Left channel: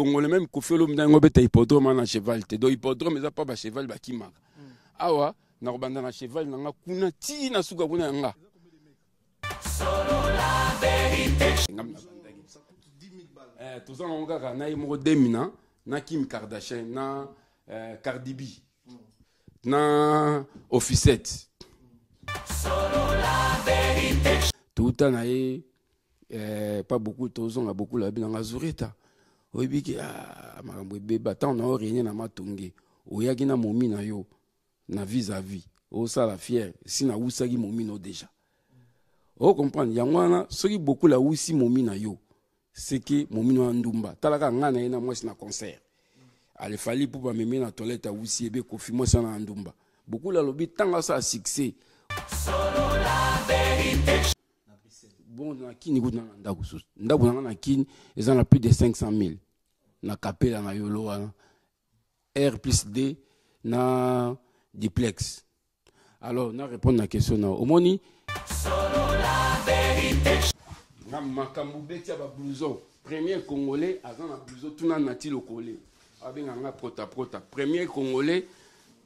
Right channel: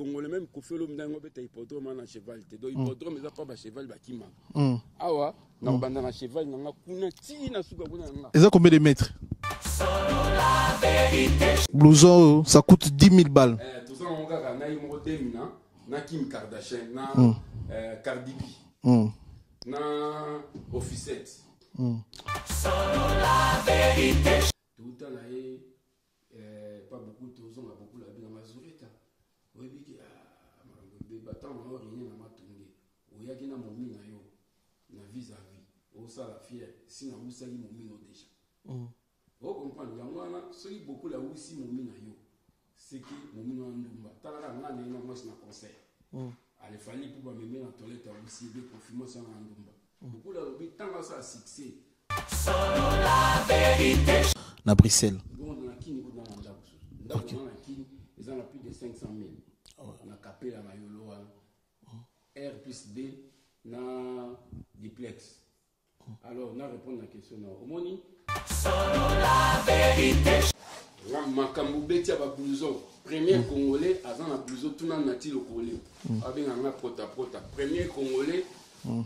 Congolais même qu'on fait l'homme d'un bête hippodrome à cheval. Te do hippodrome mais ça pas cheval qui marque. Awa, na banda na cheval na kuna ti na suka kuna nga. Et ça combien de mètres? Blouson, ça coûte 10 000 balles. Tout ça on ga na imo demina na Kim Kardashian na Cardi B. Na Officette. Tout le temps, pas beaucoup de choses, on a beaucoup la vie dans la Zureta. Oui, biki bébé, tant on a rien à matonge. Ou y'a qui na momi na yo, na vis-à-vis. Oh ça la fière, si na ousa qui momi no déjà. Oh comprendre, y'a moi ce qui beaucoup la ousi momi na yo, c'est que momi no andumba. Talaka ngana ina moi c'est na concert. Allez fallait pour pas me mettre na toilette à ousi ebe kofi moi c'est na andumba. Beaucoup la lobby tant ça succès. Na Bruxelles. Bon, na kini gout na ndaku na kini, ils ont plus de 500 000. Na capella na yolo R+D na duplex. Alors, na répondre à la question na omoni. Na makambu beti ba blouson. Premier Congolais azan na blouson tout na ti lokole. Abenga na prota. Premier Congolais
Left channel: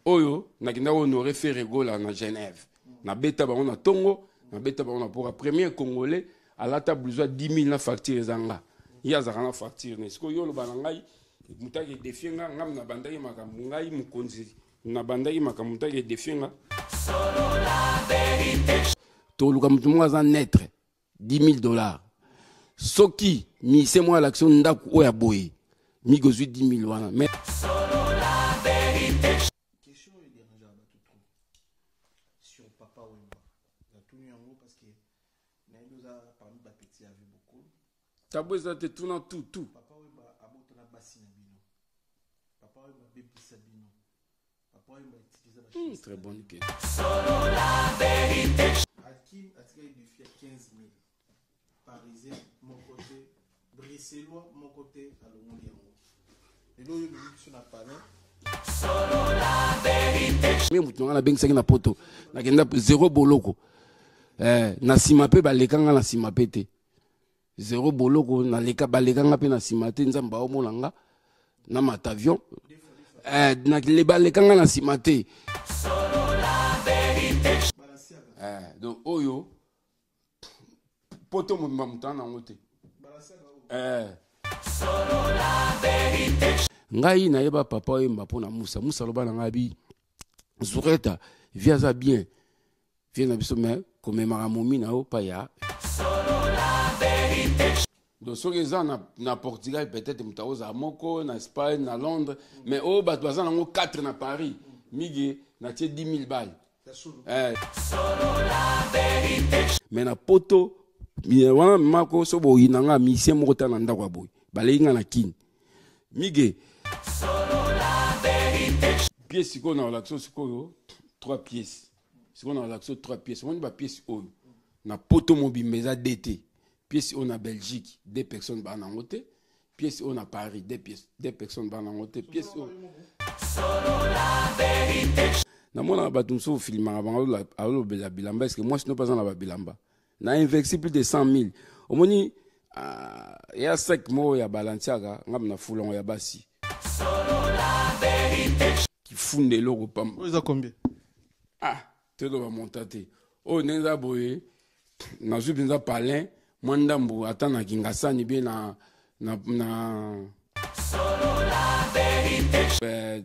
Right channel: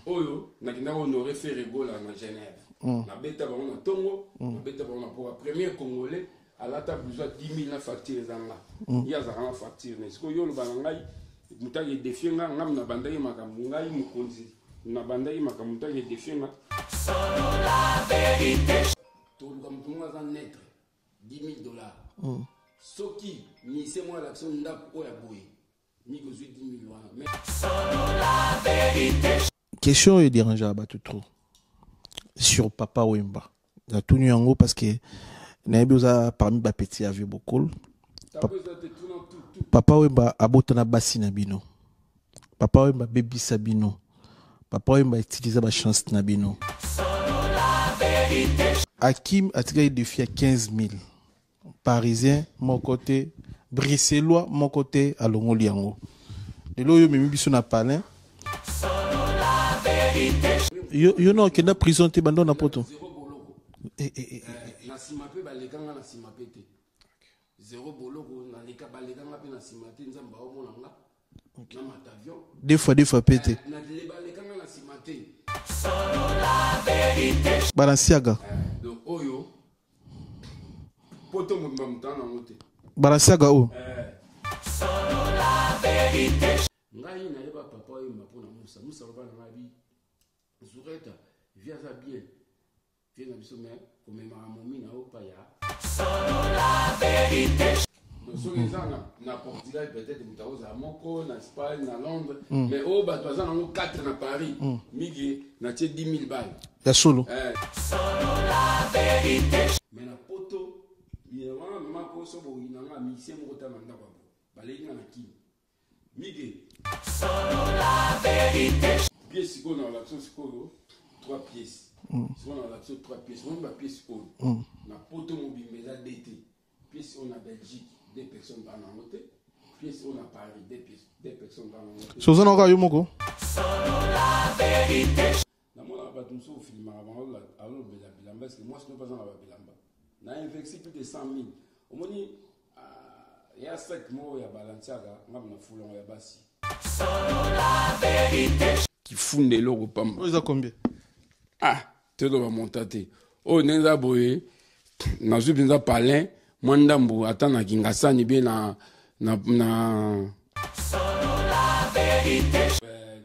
oyo nakina honoré Ferregola na Genève. Na beta ba na Tongo, na beta ba na pour premier Congolais à la table besoin 10 000 na facture zanga. Ya za na facture ne. Siko yo lo banangai mutaki defienga ngam na bandai makambu ngai mukonzi. Na bandai makambu mutaki defienga. To luka mutumunga za netre 10 000 $. Soki mi c'est moi l'action ndaku oya boy. Mi gozu 10 000 wana. Mais question est dérangée à battre trop sur Papa Wemba. Il a tout nu en haut parce que Naïbouza parmi les petits avions beaucoup. Papa Wemba a botana bassi nabino. Papa Wemba baby sabino. Papa Wemba utilise la chance nabino. Hakim a tiré des filles à 15 000. Parisien, mon côté. Bruxellois, mon côté, à Longoliango. Et là, je me suis dit, palin. Yo non que na prison te bandona poto zéro boloko na simape balekanga na simape te zéro boloko na leka balekanga pe na simate nzamba omona nga na matavion deux fois pe na le balekanga na simate Balanciaga donc oyo poto mutma mutana ngote Balanciaga o ngai na yeba Papa Wemba pona Musa loba na ngabi Zureta via ça bien vient na biso mais comme maramomi na opa ya donc so na Portugal peut-être mutaoza moko na Espagne na Londres mais au ba doza na 4 na Paris migi na 10 000 balles ya solo mais na poto wana mako so bo inanga mission moko ta na ndakwa boy balenga na kini migi pièce qu'on a l'action c'est quoi 3 pièces c'est qu'on a l'action 3 pièces on va pièce na poto mobile mais à DT pièce on a Belgique 2 personnes ba na ngote pièce on a Paris 2 personnes ba na ngote so ça n'aura eu moko na mona ba tum so film avant alo bela bilamba parce que moi sinon pas en la bilamba na investi plus de 100 000 au moni ya 5 mots ya Balanciaga ngam na fulon ya basi qui fonde l'eau pamba. Vous avez combien? Ah, tu dois monter. Oh, nenza boye, na zubinza palin, mwandambo atana kingasani bien na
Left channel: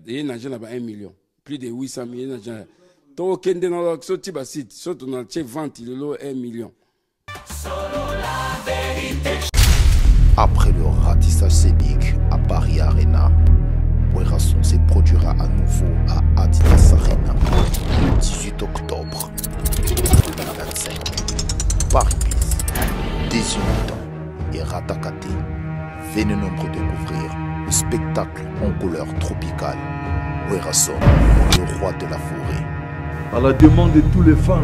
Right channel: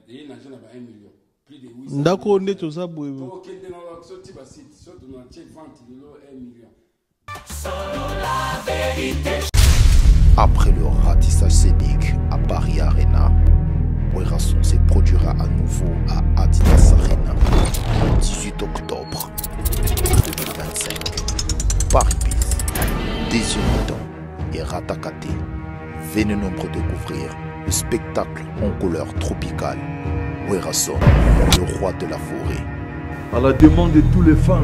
et na jena ba 1 million. Plus de 800 000. D'accord, on est tous à boye. To kende na l'action tiba site, surtout na che vente le lot 1 million. Après le ratissage scénique à Paris Arena, Werrason se produira à nouveau à Adidas Arena le 18 octobre 2025. Paris Bis, deuxième mi-temps et Ratakate. Venez nombreux découvrir le spectacle en couleur tropicale. Werrason, le roi de la forêt. À la demande de tous les fans,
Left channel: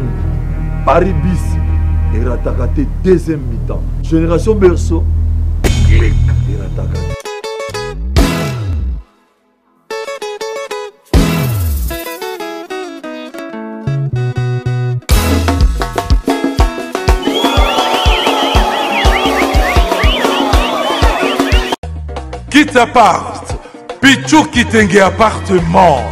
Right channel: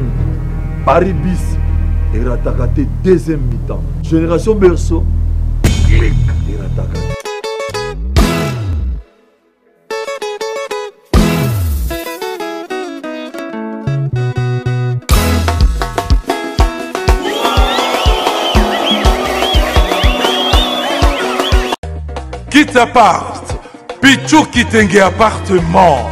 Paris Bis et Ratakate deuxième mi-temps. Génération Berceau, clic et Ratakate. Kitapart, Pichu Kitenge appartement.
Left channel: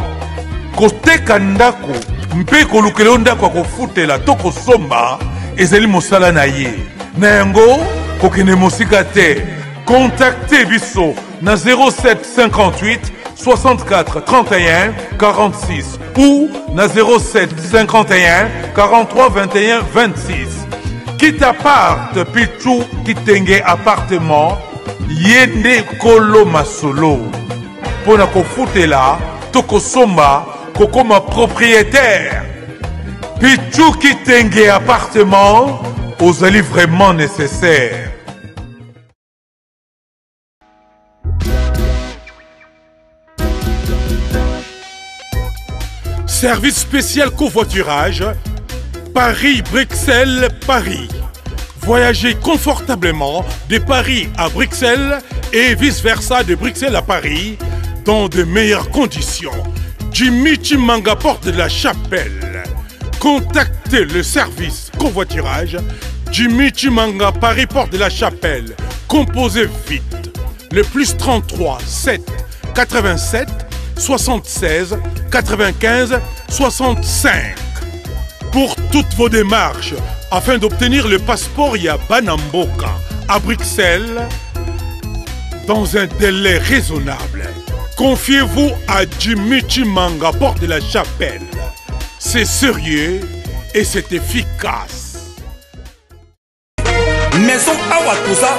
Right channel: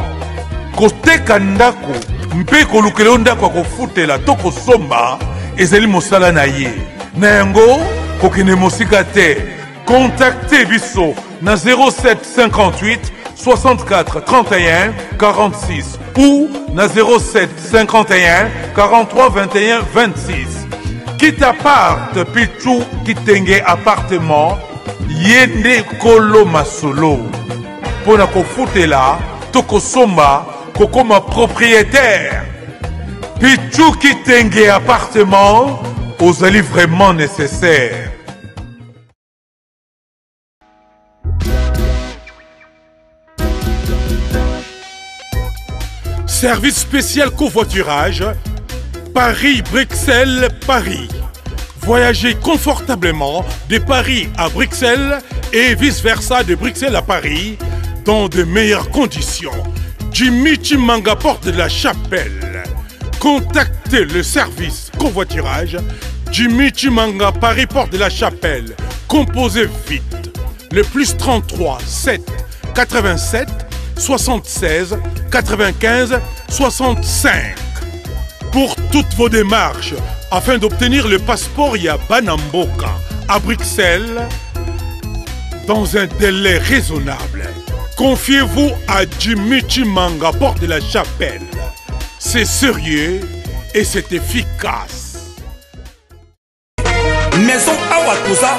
Koteka ndako, mpe kolukele ndako akofutela toko somba, ezeli mosala na ye. Na yango, kokene mosika te. Contactez Bisso na 07 58 64 31 46 ou na 07 51 43 21 26. Kitapart, Pichu Kitenge appartement, yende kolo masolo. Pona kofutela, toko somba, kokoma propriétaire. Pichu Kitenge appartement, ozali vraiment nécessaire. Service spécial covoiturage, Paris-Bruxelles-Paris. Voyagez confortablement de Paris à Bruxelles et vice-versa de Bruxelles à Paris dans de meilleures conditions. Jimmy Chimanga, porte de la Chapelle. Contactez le service covoiturage Jimmy Chimanga, Paris, porte de la Chapelle. Composez vite. Le plus 33 7 87 76 95 65. Pour toutes vos démarches, afin d'obtenir le passeport Yabanamboka à Bruxelles, dans un délai raisonnable, confiez-vous à Jimmy Chimanga, porte de la Chapelle. C'est sérieux et c'est efficace. Maison Awatosa,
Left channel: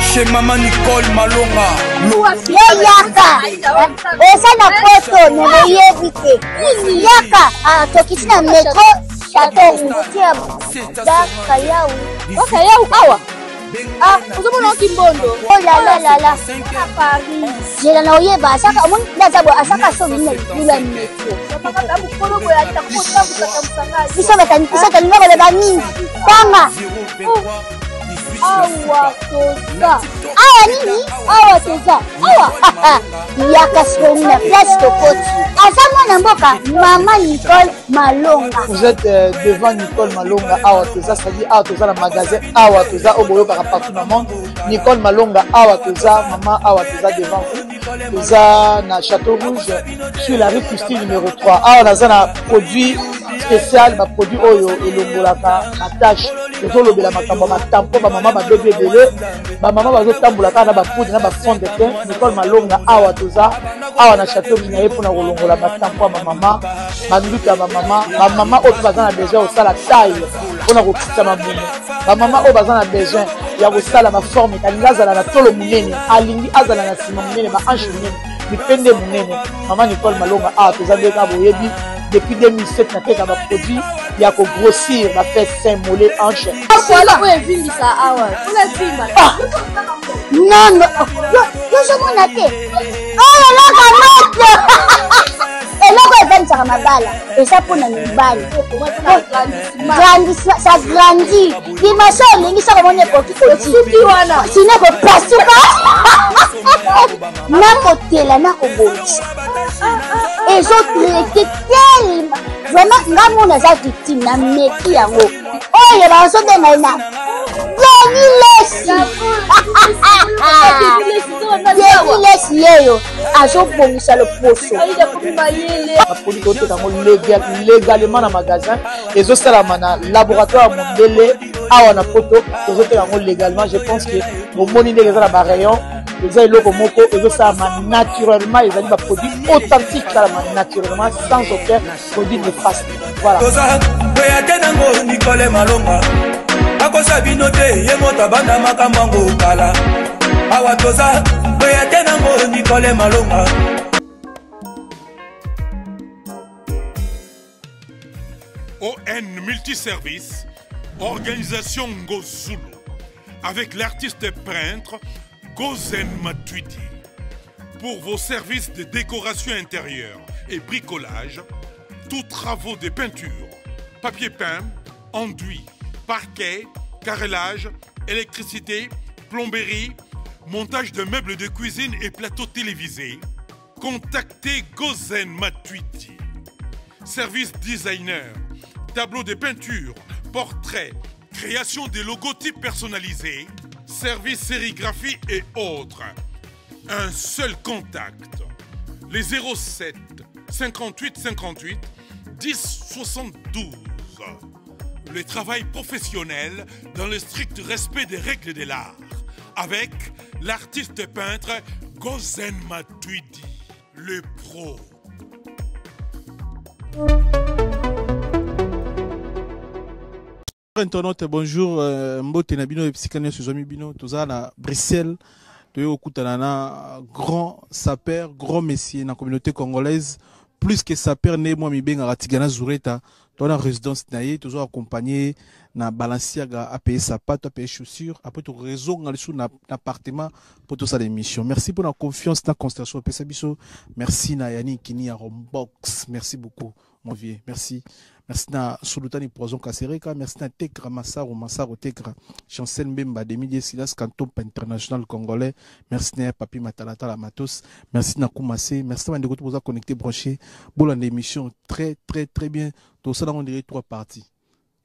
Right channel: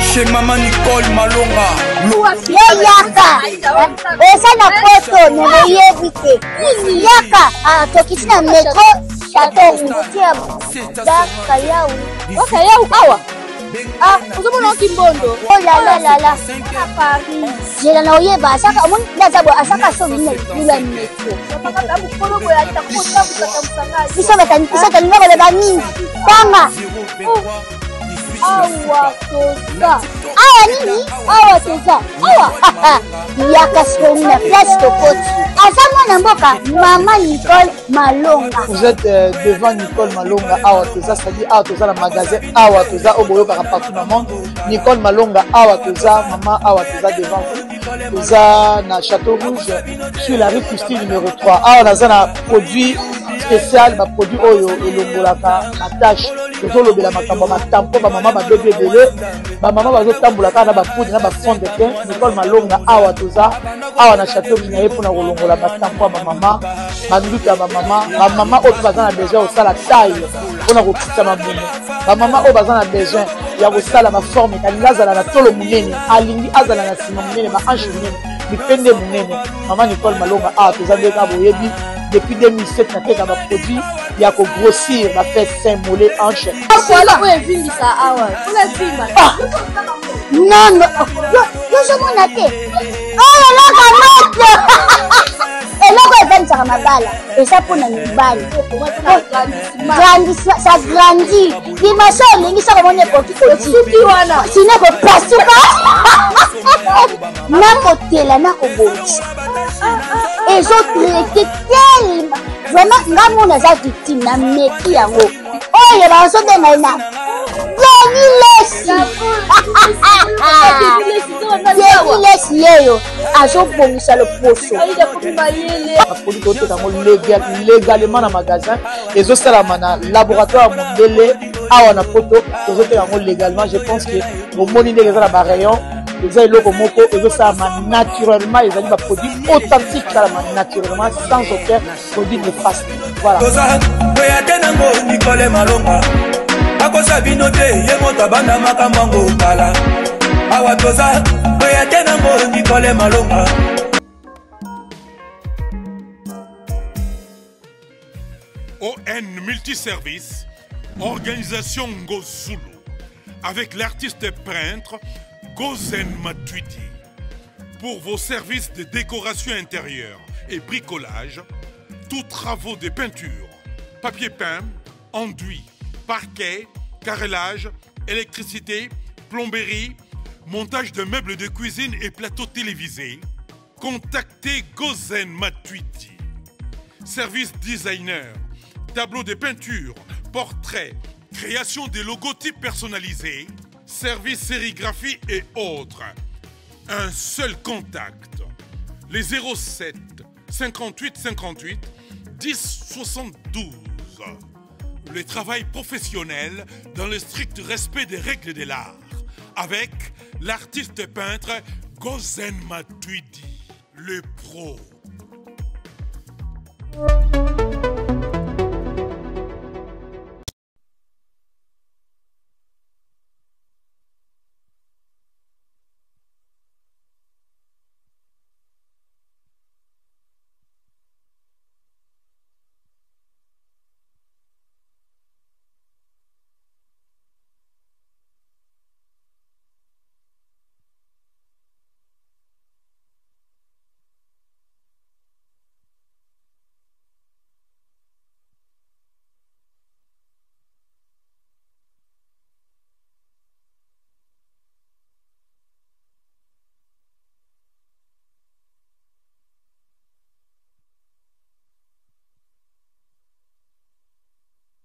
chez Maman Nicole Malonga. Yaka, eza na poto nemoyebite. Yaka, tokisina metro chateau tia daka yau. Daka yau awa. Uzomona kimbondo. Oh la la la. Paris. Jela na oyeba asaka omoni ndazabo asaka so bina lula metro. Sapa ka bukologo ya takota bukatamsanga. Bisa taninga bale bani. Tanga. Awa toza. Awa nini? Awa toza. Awa. Yaka soni na place tokoti. Asama na mboka Maman Nicole Malonga. Vous êtes devant Nicole Malonga Awa toza, c'est-à-dire Awa toza le magasin Awa toza au boyo partout dans le monde. Nicole Malonga Awa toza, maman Awa toza devant vous. Toza na Château Rouge sur la rue Custine numéro 3. Awa naza na produit spécial, ma produit oyo elongolaka attache. Tozolobela makambo matampo ba mama ba bébé belé, ba mama bazotambolaka na ba poudre na ba fond de teint. Nicole Malonga Awa toza, Awa na Château Rouge na yepo na kolongola matampo ba mama, banduka ba mama oyo bazana besoin osala taille pona kokitisa mabumu. Ba mama oyo bazana besoin ya kosala ma forme kalinga azala na tolo munene, alingi azala na sima munene, ba hanche munene, bipende munene. Maman Nicole Malonga Awa toza ndeka boyebi depuis 2007 na teka ba produit ya ko grossir ba fait sein mollet hanche. Voilà, oui, vindi ça awa. Ola vimba. Non, yo somona te. Oh la kamata. Eloko ezanisaka mabala eza mpona mibali ça grandit dimension olingi soko moni ekoki kosuki wana sine kopasuka nakotela nakobongisa ezotraite telema vraiment nga mona aza victime na meki yango oyo bazobenga na Lesi yeyo azobongisa loposo apoli toteka yango légalement na magasin ezosalama na laboratoire mondele awa na poto tozoteka yango légalement. Je pense que omoni ndenge eza na barayon eza eloko moko ezosalama naturellement, ezali baproduit authentique esalama naturellement sans aucun produit néfaste. Voilà. Nicole Malonga akosa bino te ye moto abanda makambo yango kala awa toza oya te nango Nicole Malonga. ON Multiservice, organisation Ngozulu, avec l'artiste peintre Gozen Matuidi. Pour vos services de décoration intérieure et bricolage, tous travaux de peinture, papier peint, enduit, parquet, carrelage, électricité, plomberie, montage de meubles de cuisine et plateaux télévisés, contactez Gozen Matuidi. Service designer, tableau de peinture, portrait, création de logotypes personnalisés, service sérigraphie et autres. un seul contact. Les 07 58 58 10 72. Le travail professionnel dans le strict respect des règles de l'art. Avec l'artiste peintre Gozen Matuidi, le pro. Internaute, bonjour. Mbote Nabino et Psychanalyse sur Bino. Tout ça à Bruxelles. Un grand sapeur, grand messier dans la communauté congolaise. Plus que sapeur, né moi mi benga Ratigana Zureta. Dans la résidence naïe, toujours accompagné na Balenciaga à payer sapato, à payer chaussures. Après tout réseau dans l'appartement pour tout ça l'émission. Merci pour la confiance dans la constellation Pesabiso. Merci na Yannick Kini à Rombox. Merci beaucoup mon vieux. Merci. Merci na Sulutani Poison Kasereka, merci na Tekra Massaro Tekra, Chancel Mbemba Demi Silas Canton International Congolais, merci na Papi Matalata la Matos, merci na Koumassé, merci na Ndeko pour vous connecter branché. Bon l'émission très bien. Tout ça on dirait 3 parties.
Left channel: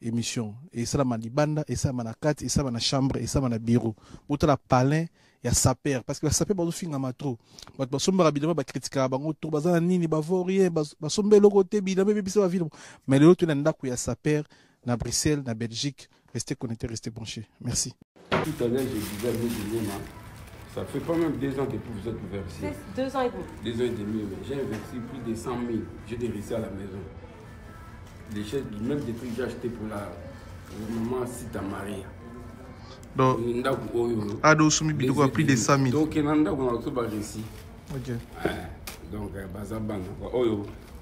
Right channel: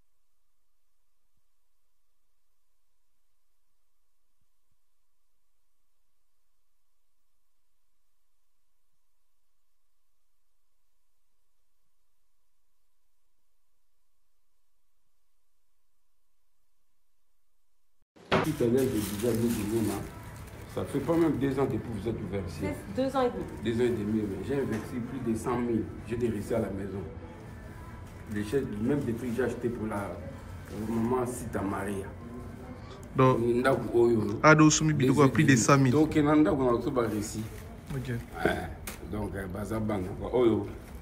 Émission et ça la libanda et ça na 4 et ça na chambre et ça na bureau. Pour la palin il y a saper parce que saper ba finga matro ba somba rapidement ba critiquer ba ngoto bazana nini ba vorien ba sombe le côté bidame biso ba ville mais le autre nda ku ya saper na Bruxelles na Belgique. Restez connectés, restez branchés. Merci. Tout à l'heure je disais ça fait pas même 2 ans depuis que vous êtes ouvert ici. 2 ans et demi. 2 ans et demi, mais j'ai investi plus de 100 000. J'ai délaissé à la maison. Les chaises, même des trucs que j'ai acheté pour maman Sita Maria. Donc, Sumi Bidou a plus de 100 000. Donc, on a réussi. Ok. Donc, Bazaban,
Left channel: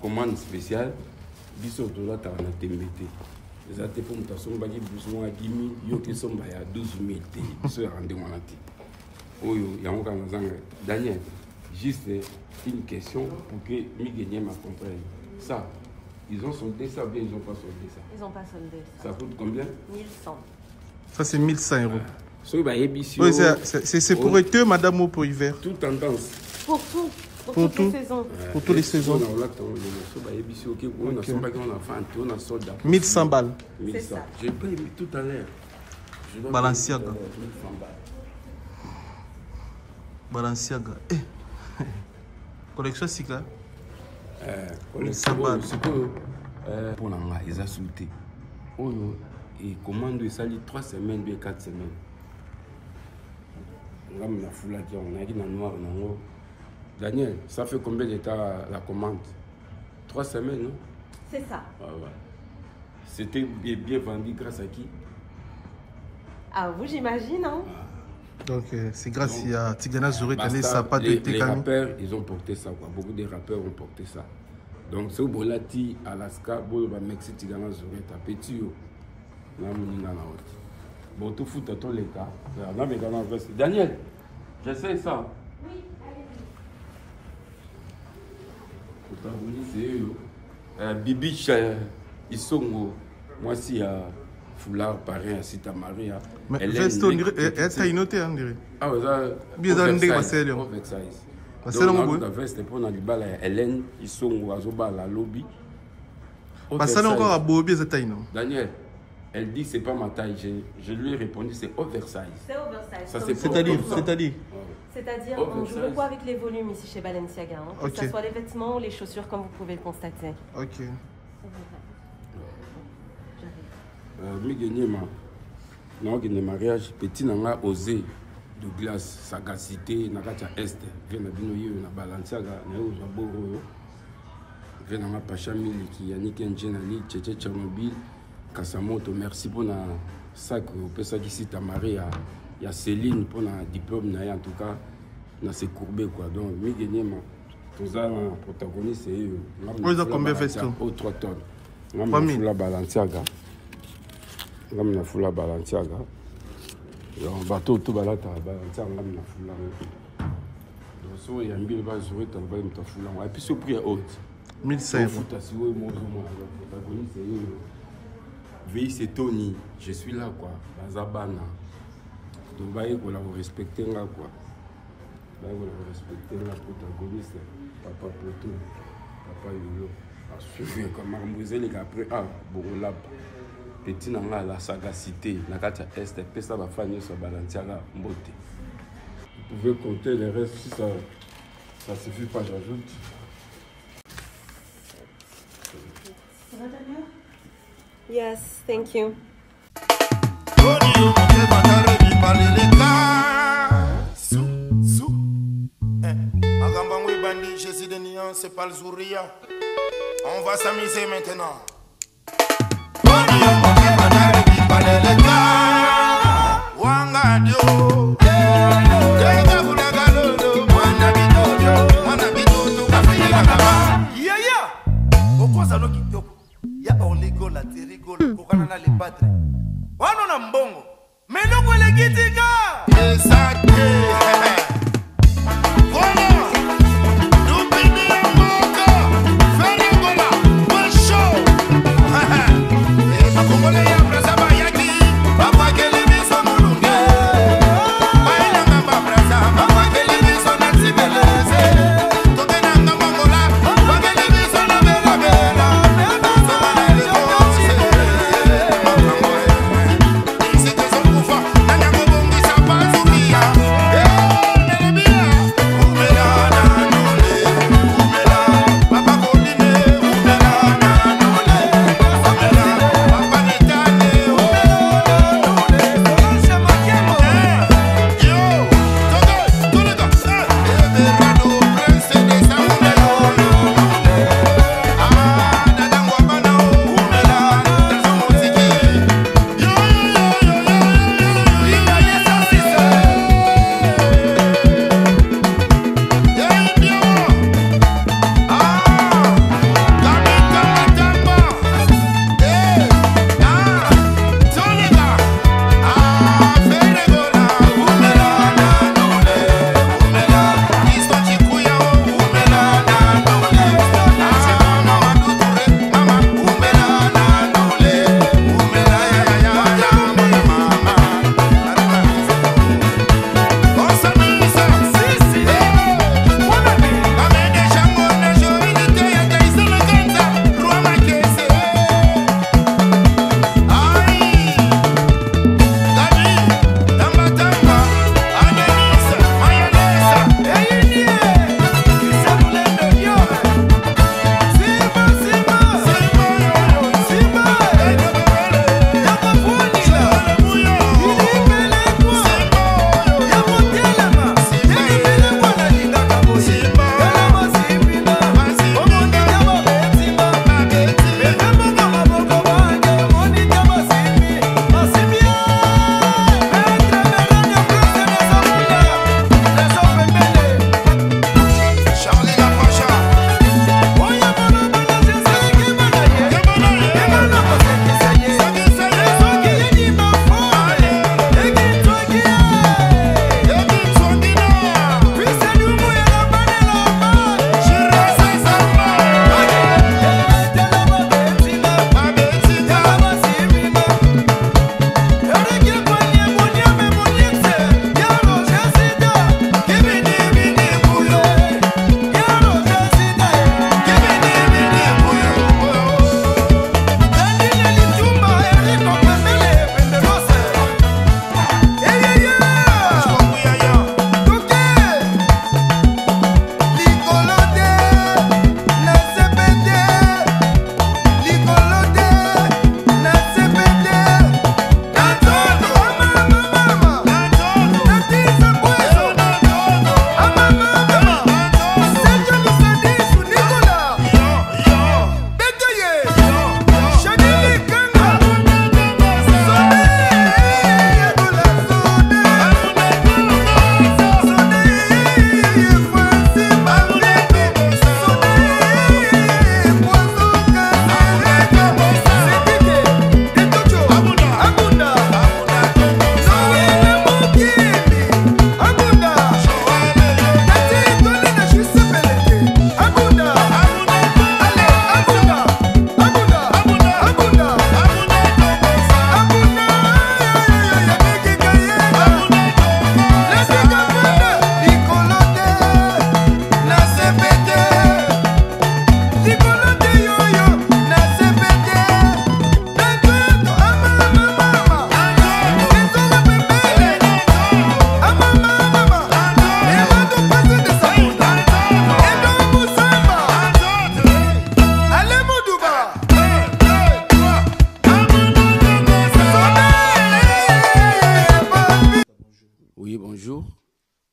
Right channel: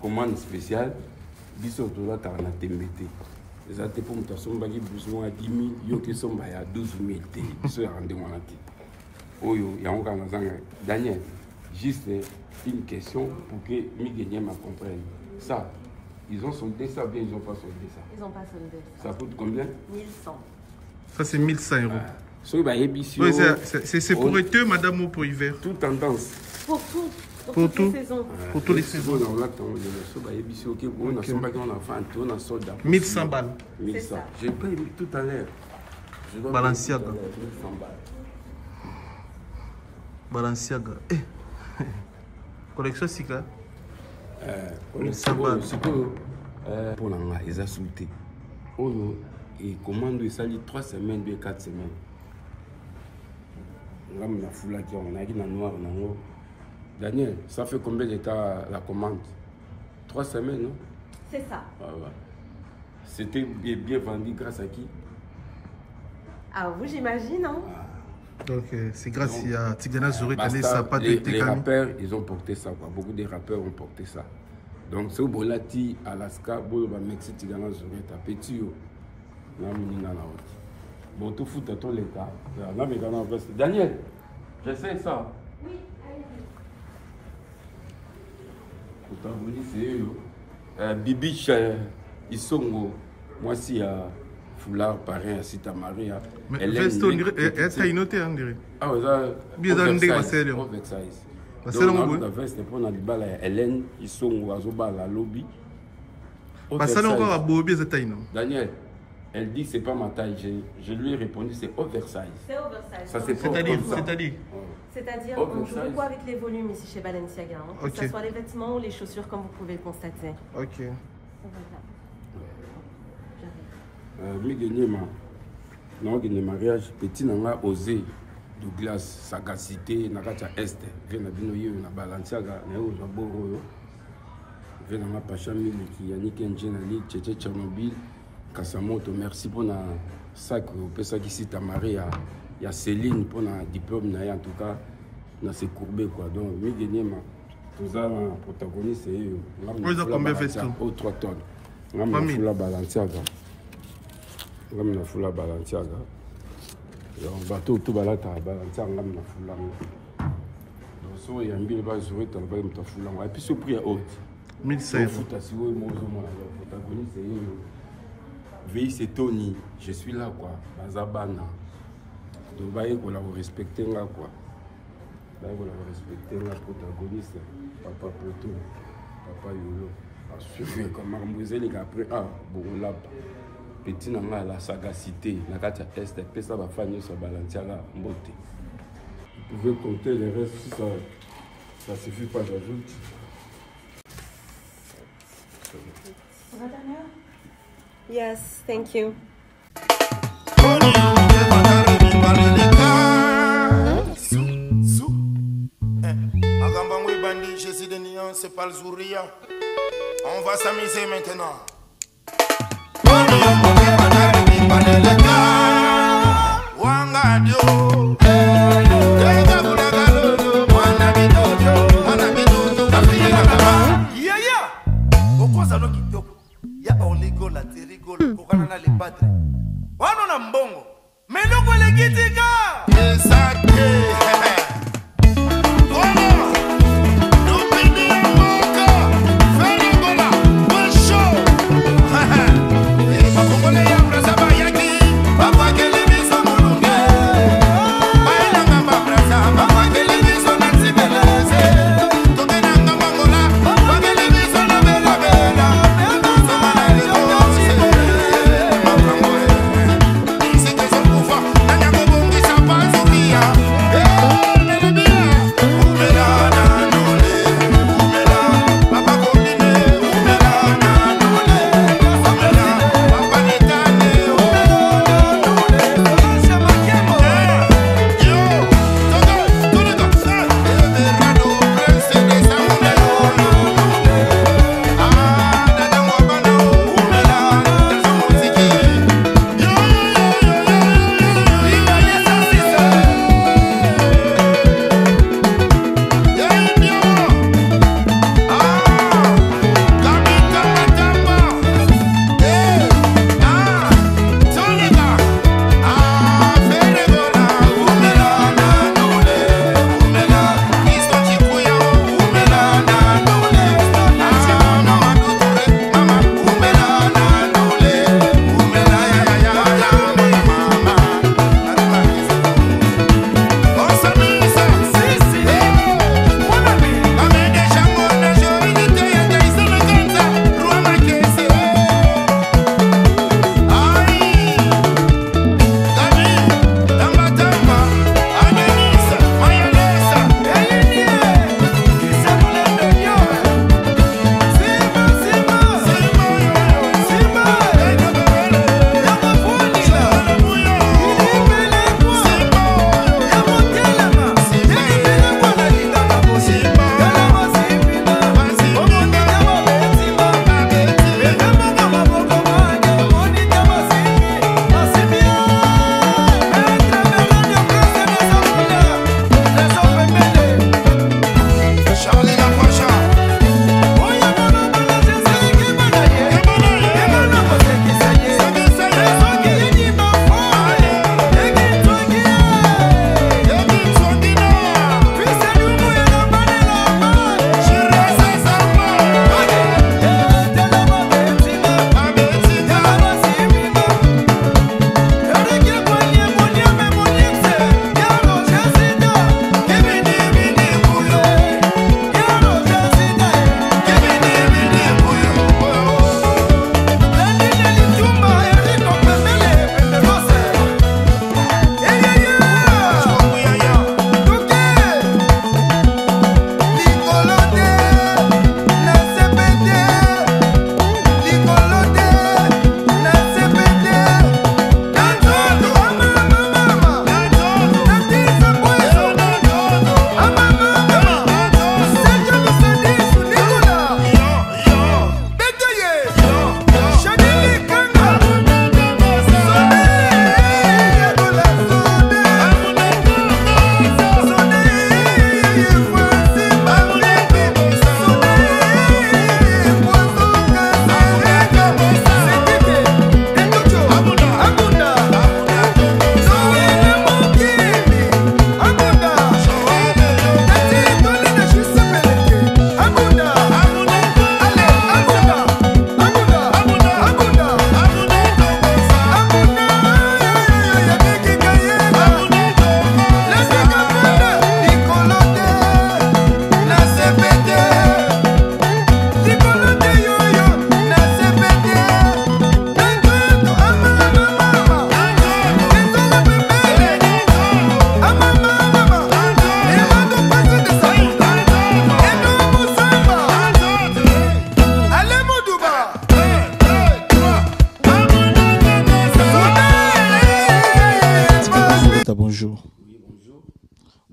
commande spéciale, Bissot de la Taranatemete. Les athées pour me sommes besoin de 10 000, Yoki sommes à 12 000. Bissot a rendu mon athée. Oyo, il y a encore Daniel, juste une question pour que Miguel me comprenne. Ça, ils ont soldé ça ou bien ils n'ont pas soldé ça? Ils n'ont pas soldé ça. Ça coûte combien? 1100. Ça c'est 1100 €. Oui, c'est pour été, madame, ou pour hiver? Toute tendance. Pour tout. Pour toutes les saisons. Pour toutes les saisons. On a soldat. 1100 balles. 1100. J'ai payé tout à l'heure. Balenciaga. Balenciaga. Collection Sika. Collection pour la ils ont sauté. Et commande ça lit 3 semaines, 4 semaines. Là, on a foulé on a dit dans noir, Daniel, ça fait combien d'états la commande? 3 semaines, non? C'est ça. Ah, ouais. C'était bien vendu grâce à qui? À vous, j'imagine, hein? Donc, c'est grâce à Tigana Zureta, les rappeurs, ils ont porté ça, quoi. Beaucoup de rappeurs ont porté ça. Donc, c'est au Bolati, Alaska, Boloba, Mexique, Tigana Zureta, Petit. Bon, tout fout à tous les cas. Daniel, j'essaie ça. Oui, allez-y. C'est Bibich, Isongo, moi aussi, Foulard, parrain, à Sita Maria. Elle est une autre, on dirait. Ah, oui, ça. Bien dans le oversize. Donc, pour Hélène, Isongo, Azoba, la lobby. Parce encore à Bobi, c'est non. Daniel. Elle dit que ce n'est pas ma taille. Je lui ai répondu c'est oversize. C'est oversize. Ça, c'est C'est-à-dire, on joue beaucoup avec les volumes ici chez Balenciaga. Hein, okay. Que ce soit les vêtements ou les chaussures, comme vous pouvez le constater. Ok. J'arrive. Mariage, petit n'a osé de glace, sagacité, n'a pas est. Vient à Binoyo, n'a Balenciaga, n'a pas Zaboro. Vient à Pachamil, qui Yannick Njenali, Tchétché Tchernobyl. Kasamoto, merci pour le sac au ça qui cite à Marie, il y a Céline pour le diplôme, en tout cas, dans ses courbés. Donc, tout ça, le protagoniste, c'est eux. Combien fait-ce? 3 tonnes. On a fait la Balenciaga. On a fait la Balenciaga. On va tout Balenciaga, on a fait la. Donc, il y a un billet de jouer, on va faire la. Et puis, ce prix est haut. 1500 €. Protagoniste, c'est eux. Veille, c'est Tony, je suis là, quoi. Bazabana. Donc, vous respectez là, quoi. Vous respectez la protagoniste. Papa Poto, Papa Yolo. Assuré comme Marmouselle, après, Borolab. Petit n'a la sagacité, la carte est, puis ça va faire sur Balenciaga, Mbote. pouvez compter les restes. Si ça ne suffit pas, j'ajoute. Yes, thank you. C'est pas le Zouria. On va s'amuser maintenant. Ya oligola terigola kokana na le padre. Wana na mbongo. Meloko le kitika. Esake. Yeah.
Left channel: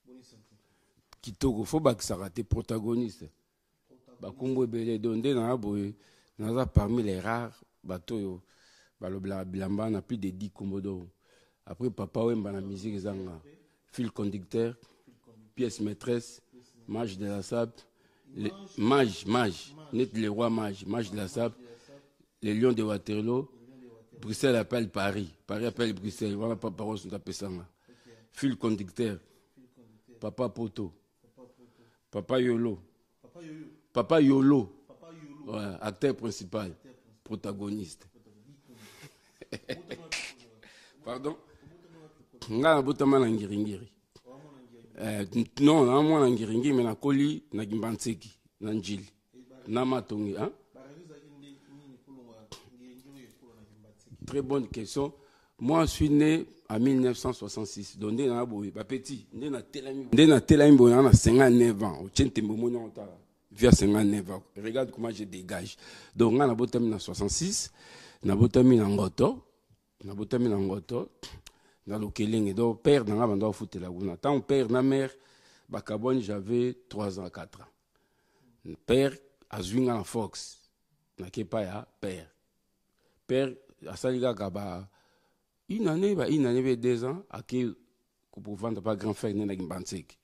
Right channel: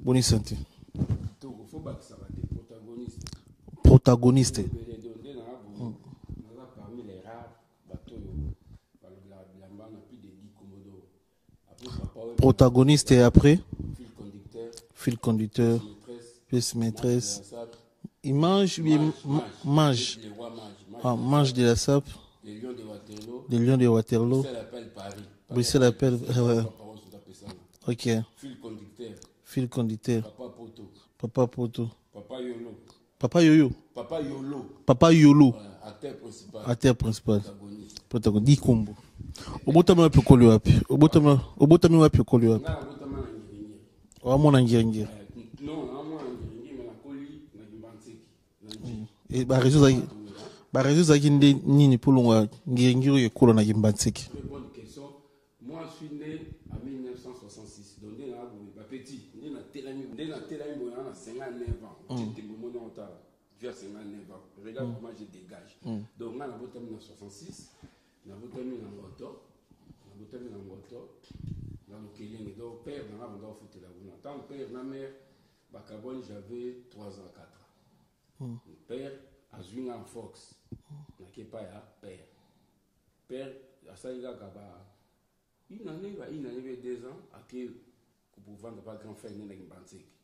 Bonne santé. Kitoko, faut pas que ça rate protagoniste. Protagoniste. Parmi les rares bateaux, Bilamba n'a plus de 10 Komodo. Après, papa, protagoniste et après fil conducteur. Pièce maîtresse. Il mange. Le roi mage. Mage de la SAP. Les lions de Waterloo. Bruxelles appelle Paris. Bruxelles appelle. Ok. Fil conducteur. Papa Poto. Papa Yolo. Acteur principal. Protagoniste. Dikombo. Obotama wapi koli wapi? Obotami wapi koli wapi? Nga botama na ngiringiri. Wamona ngiringiri. Non, na mona ngiringiri mais na koli na Gimbantseki na Njili. Ba réseau zaki nini polongwa ngiringiri ekolo na Gimbantseki. Très bonne question. Moi, je suis né en 1966. Donc, je suis petit. Je suis né à 59 ans. Je suis via 59 ans. Regarde comment je dégage. Donc, je suis né en 66. Je suis né en Ngoto. Je suis né en Ngoto. Dans le Kéling. Donc, père, je suis foutu la gouna. Tant père, ma mère, j'avais 3 ans, 4 ans. Père, a joué en Fox. Je n'ai pas père. Père, a saliga gaba. Une année, 2 ans, pour vendre pas grand frère, n'a Gimbantseki.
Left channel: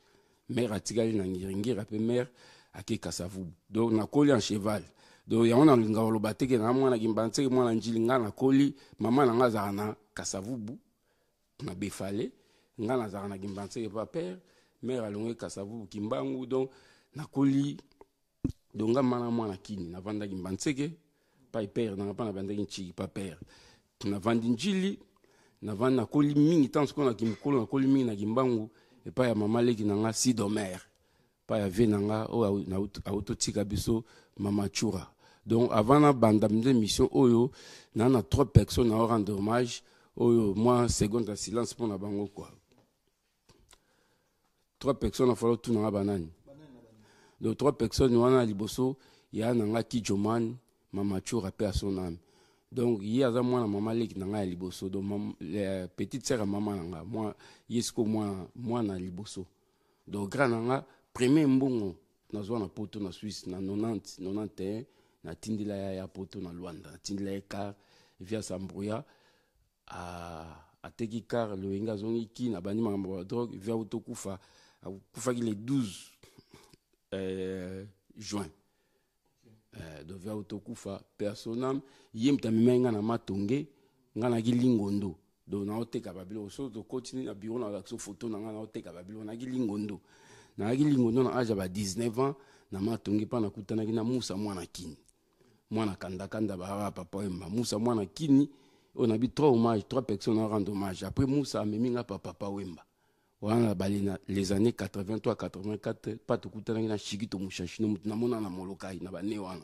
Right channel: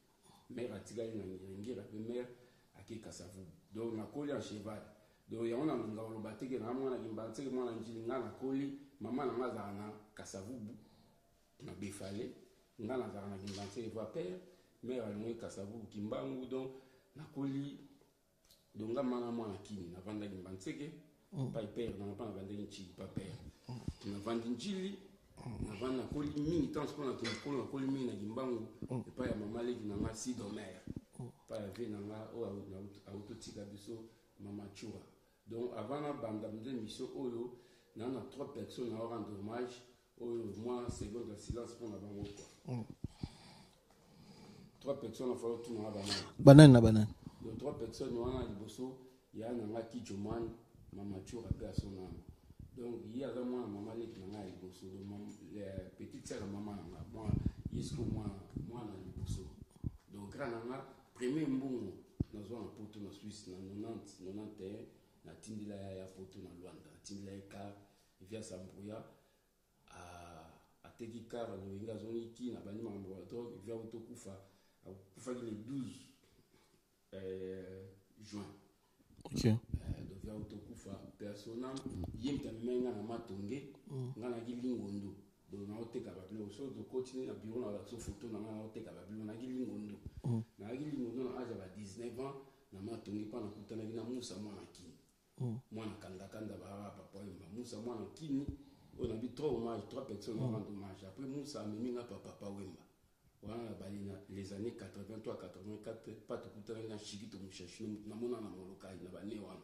Mère a tigé na ngiringiri, après mère a qui Kasavubu. Donc, na collé en cheval. Donc, on a le bateau qui est na Gimbantseki, moi, na Njilinga, na collé, maman n'a pas na Kasavubu, na Befale, n'a pas na Gimbantseki, pas père, mère a l'ongé Kasavubu, Kimbangu, donc, na collé, donc, maman na Kini, na vanda Gimbantseki, pas père, n'a pas na vanda Nchigi, pas père. Na vanda Njili, na vanda koli mingi tant qu'on a kimikolo na koli mingi na Gimbangu et pas ya mama leki na nga Sidomer pas ya ve na nga o na autotika biso mama Chura. Donc avant na banda mission oyo na 3 personnes à rendre hommage oyo moi seconde de silence pour na bango quoi. 3 personnes a fallu tout na banane. Donc 3 personnes wana liboso ya na nga Kijoman mama Chura pe à son âme. Donc, il y a moi maman leki nanga liboso donc la petite sœur maman nanga moi yesko moi na liboso donc grand nanga premier mbongo na zo na poto na Suisse na 91 na tindila ya poto na Luanda tindila car via Sambrouya a teki car le inga zongi ki na bani mamba drogue via autokufa kufa ki le 12 juin. Okay. Donc via autokufa personnam yem tamimenga na matonge ngana gilingondo donc na oteka babilo so to continue na bureau na la photo na ngana oteka babilo na gilingondo na gilingondo na âge ba 19 ans na matonge pa na kutana na Musa mwana kini mwana kanda ba papa Wemba Musa mwana kini on a bi 3 hommages 3 personnes à rendre hommage après Musa ameminga papa Wemba wana balina les années 83 84 pas to kutana na Shigito Mushashino na mona na Molokai na bane wana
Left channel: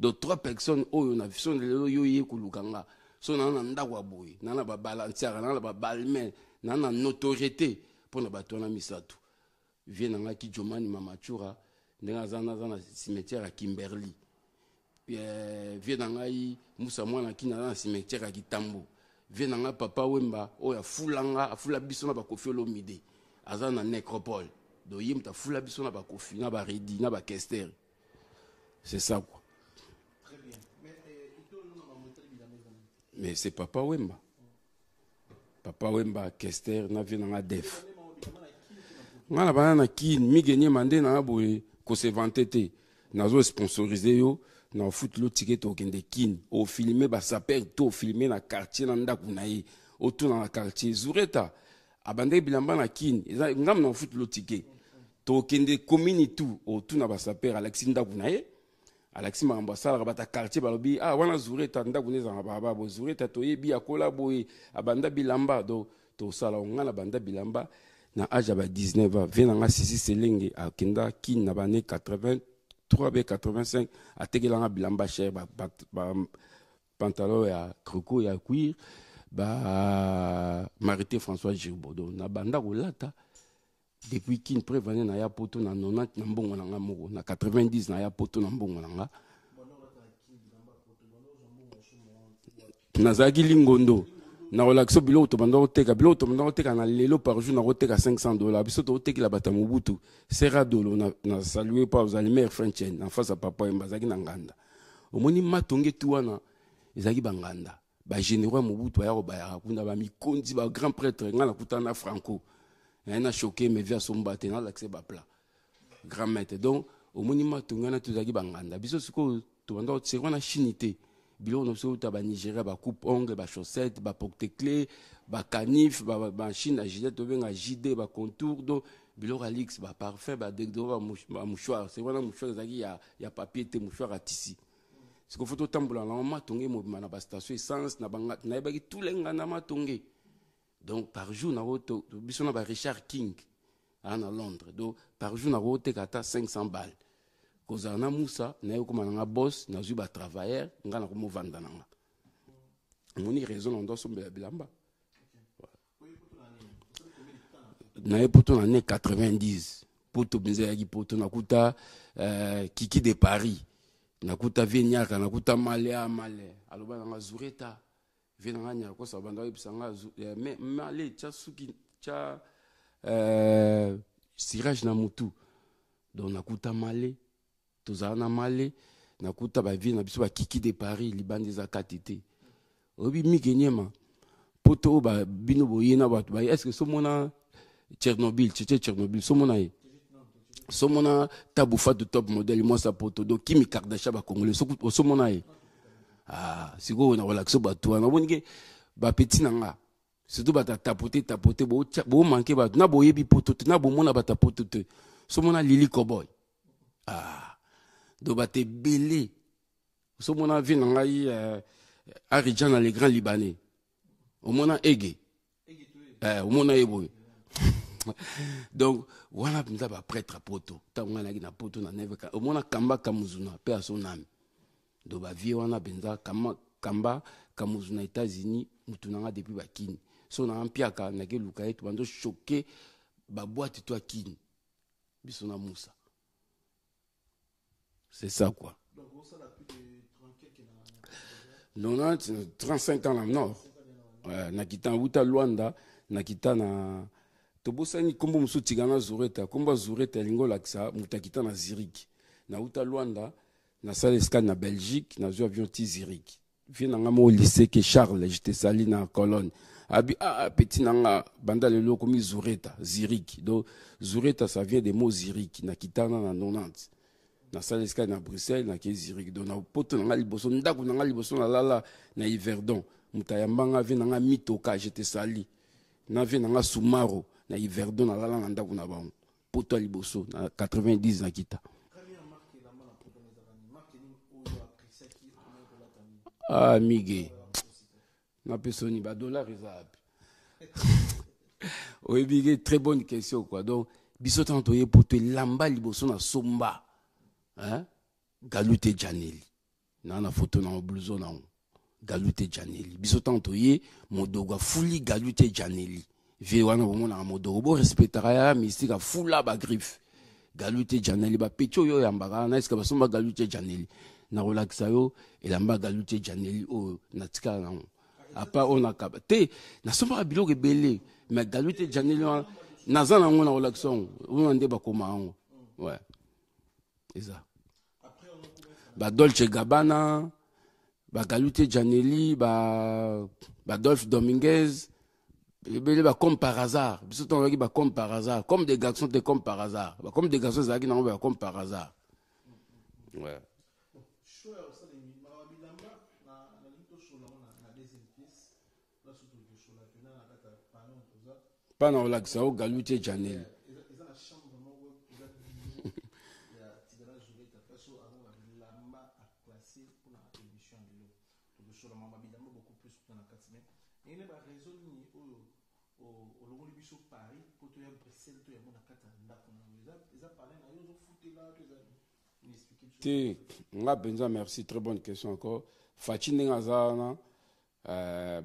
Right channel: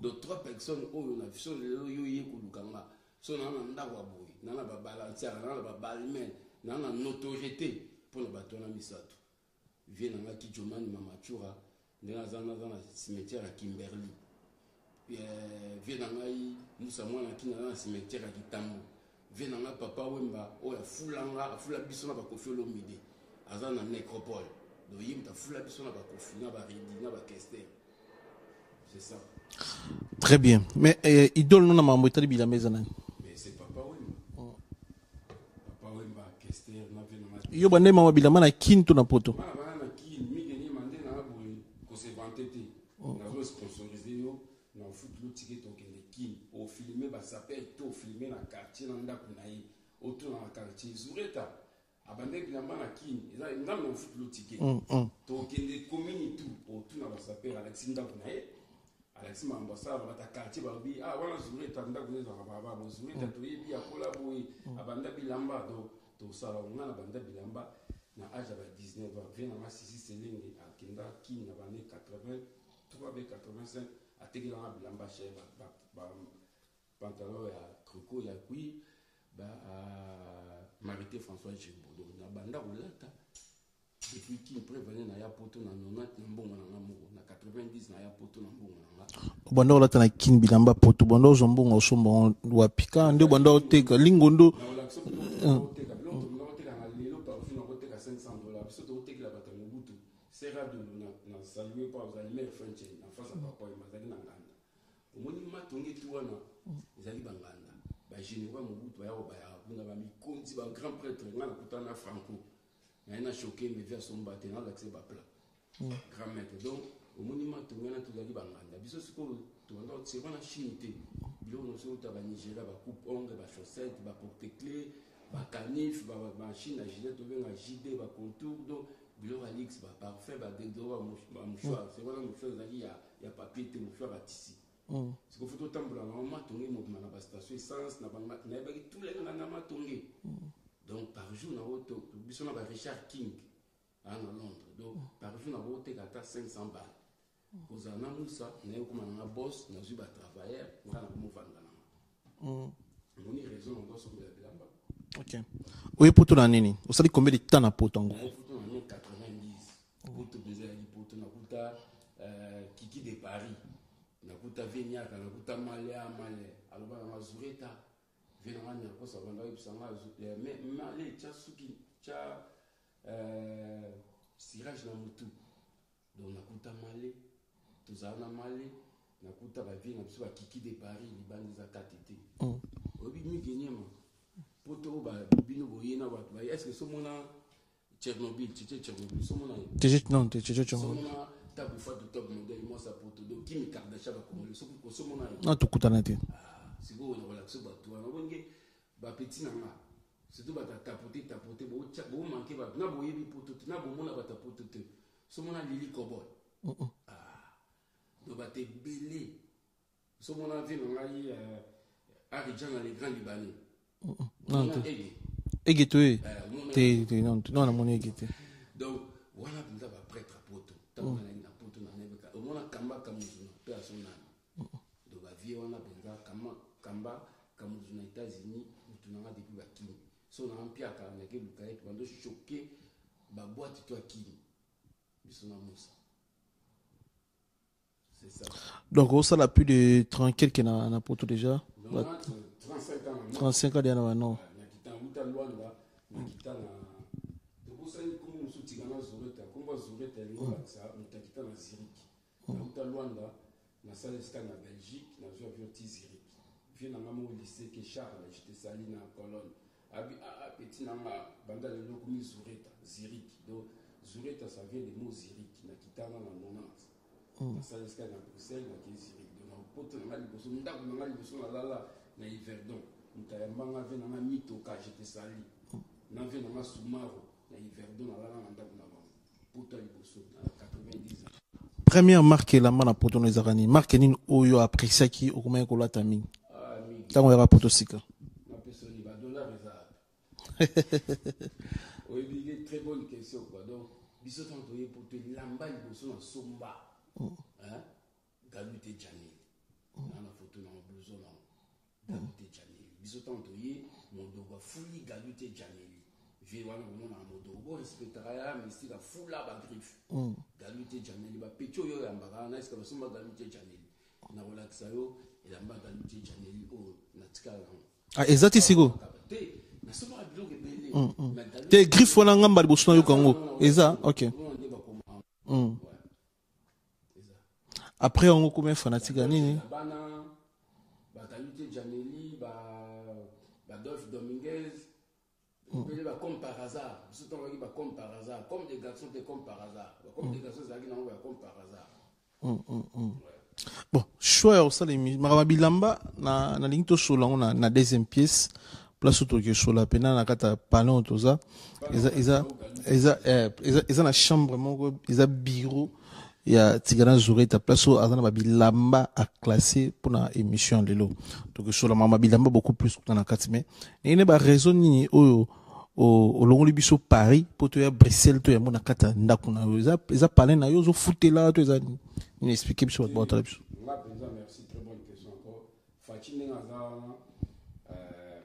donc 3 personnes oyo na vision lelo yo yekulukanga so na ndakwa boy na ba balancer na ba balmen na notoriété pour na bato na misato vient na Kijomani mama Chura ndenga zana cimetière à Kimberley vient na Musa mwana kina na cimetière à Kitambo vient na papa Wemba oya afula biso na ba Kofi Olomide azana nécropole do yimta fula biso na ba Kofi na ba Redi na ba Kester. C'est ça quoi. Très bien. Mais idole non na mambo itali bila meza nani? Mais c'est papa Wemba. Papa Wemba Kester na vient na def. Yo bande mama bila mana kinto na poto. Na bana na kin mi gagner mandé na boye ko se vanter na zo sponsoriser yo na foot lo ticket au kende kin au filmer ba saper to filmer na quartier na ndaku na yi autour na quartier Zureta abande bilamba na kin ngam na foot lo ticket to kende commune tout autour na ba saper Alexis ndaku na yi Alexis mamba sala bata quartier balobi wana Zureta ndaku neza na baba bo Zureta to yebi akola boye abanda bilamba do to sala ngana banda bilamba na âge ba 19 ans vient na sisi selenge akenda kin na bane 80 3 85 a tegelanga bilamba cher ba pantalon ya croco ya cuir ba Marité François Girbaud na banda rolata depuis kin prévenu na ya poto na 90 na mbongo na nga moko na 90 na ya poto na mbongo na nga bando la tana kin bilamba poto bando zombongo sombo wa pika bando teka lingondo na relaxo bilo to bando teka bilo to bando teka na lelo par jour na teka $500 biso to teka la bata mobutu sera dolo na saluer pas aux aliments french na face à papa mbazaki na nganda omoni matonge tu wana ezaki banganda ba généraux mobutu ya robaya kuna ba mikondi ba grand prêtre ngana kutana franco na choqué mais via son baté na l'accès ba plat grand maître donc au monument tongana tuzaki banganda biso siko to bando tsirwa na chinité bilo no so ta ba Nigeria ba coupe ongle ba chaussette ba porte-clés ba canif ba chine gilet to benga JD ba contour donc bilo alix ba parfum ba déodorant ba mouchoir c'est vraiment mouchoir zaki ya papier te mouchoir à tissu siko photo tambola na matonge mo na ba station essence na banga na ba tous les ngana matonge. Donc par jour na roto biso na ba Richard King à Londres donc par jour na roto kata 500 balles kozana musa na yo kuma na boss na zu ba travailleur ngana ko mo vanda na moni raison on doit somber bilamba. OK oui poto na nini osali combien de temps na poto na yo poto na ne 90 poto benza ya poto na kuta Kiki de Paris na kuta Vignaka na kuta Male aloba na Zureta venanga ko sa banda ibisanga mais Male cha suki cha sirage na mutu donc nakuta Male tozana Male nakuta ba vie na biso ba Kiki de Paris libandi za katité obi mikenyema poto ba bino boyena ba est-ce que somona Tchernobyl somona somona taboufa de top modèle moi sa poto donc Kim Kardashian ba congolais somona na tukutana te siko na relaxo ba toi na bonike ba petit nanga surtout ba tapoter bo manquer ba na boyebi poto na bo mona ba tapoter te somona Lily Cowboy do ba te belé somona vi nanga yi Aridjan les grands libanais omona ege omona ege donc wana pinza ba prêtre poto tanga na poto na neve omona kamba kamuzuna pe a son âme do ba vie wana benza kamba kamuzuna États-Unis mutunanga depuis ba kini so na ampiaka na ke luka etu bando choqué ba boîte to akini bisona musa. C'est ça quoi. Donc ça a plus de 30 quelques na poto déjà. Non, 35 ans là non. 35 ans déjà non. Na kita uta Luanda, na kita na tobosani kombo musu tigana Zureta, kombo Zureta lingo laksa mutakita na Zurich. Na uta Luanda, na salle scan na Belgique, na zo avion ti Zurich. Vient na ngamo lycée que Charles, j'étais sali na Cologne. Abi petit nanga banda le loko mi Zureta, Zurich. Donc Zureta ça vient des mots Zurich, na kitana na 90. Na salle scan na Bruxelles na ke Zurich. Donc na poto na liboso ndako na liboso na lala na Yverdon. Mutayambanga vient na mitoka j'étais sali. Na vient na Sumaro na Yverdon na lala na ndako na bango. Poto liboso na 90 na kita. Première marque la mana poto no ezakani. Marque nini oyo apprécié ki okoma ko lata mingi. Migi. Ça on va poto sika. Na pesoni ba dollar ezap. Oui, big très bonne question quoi. Donc biso tantoye poto lamba liboso na somba. Hein? Galute Janeli. Na photo na blouson na. Galute Janeli. Biso tantoye modoga fuli Galute Janeli. Vie wana bomona modogo bo respectera ya mystique a fula ba griffe. Galute Janeli ba pecho yo yambaka na eska basomba Galute Janeli. Na relaxa yo elamba Galute Janeli o natika na. Exact sigo. Te na somba biloko ebele. Mais Galute te griffe wana ngamba liboso na ko. Eza OK. On ande ba koma ngo. Ouais. Eza. Après on combien fanatique. Ba Dolce Gabbana, ba Galute Janeli, ba Dolph Dominguez. Comme par hasard. Comme par hasard. Comme des garçons, c'est comme par hasard. Comme des garçons, c'est comme par hasard. Ouais. Bon, choix au salimi. Marabilamba, na linto sola, na deuxième pièce. Place autour que sola, pena na kata palon toza. Ils ont la chambre, ils ont bureau. Il y a Tigana Zureta, place où Azana Babilamba a classé pour la émission de l'eau. Donc, sur la Mama Bilamba, beaucoup plus que dans la 4 mai. Et il n'y a pas raison ni au Longlibiso Paris, pour te Bruxelles, tu es mon akata Nakuna. Ils ont parlé, ils ont foutu là, tu as expliqué sur le portable. Merci, très bonne question encore. Fatine Azana,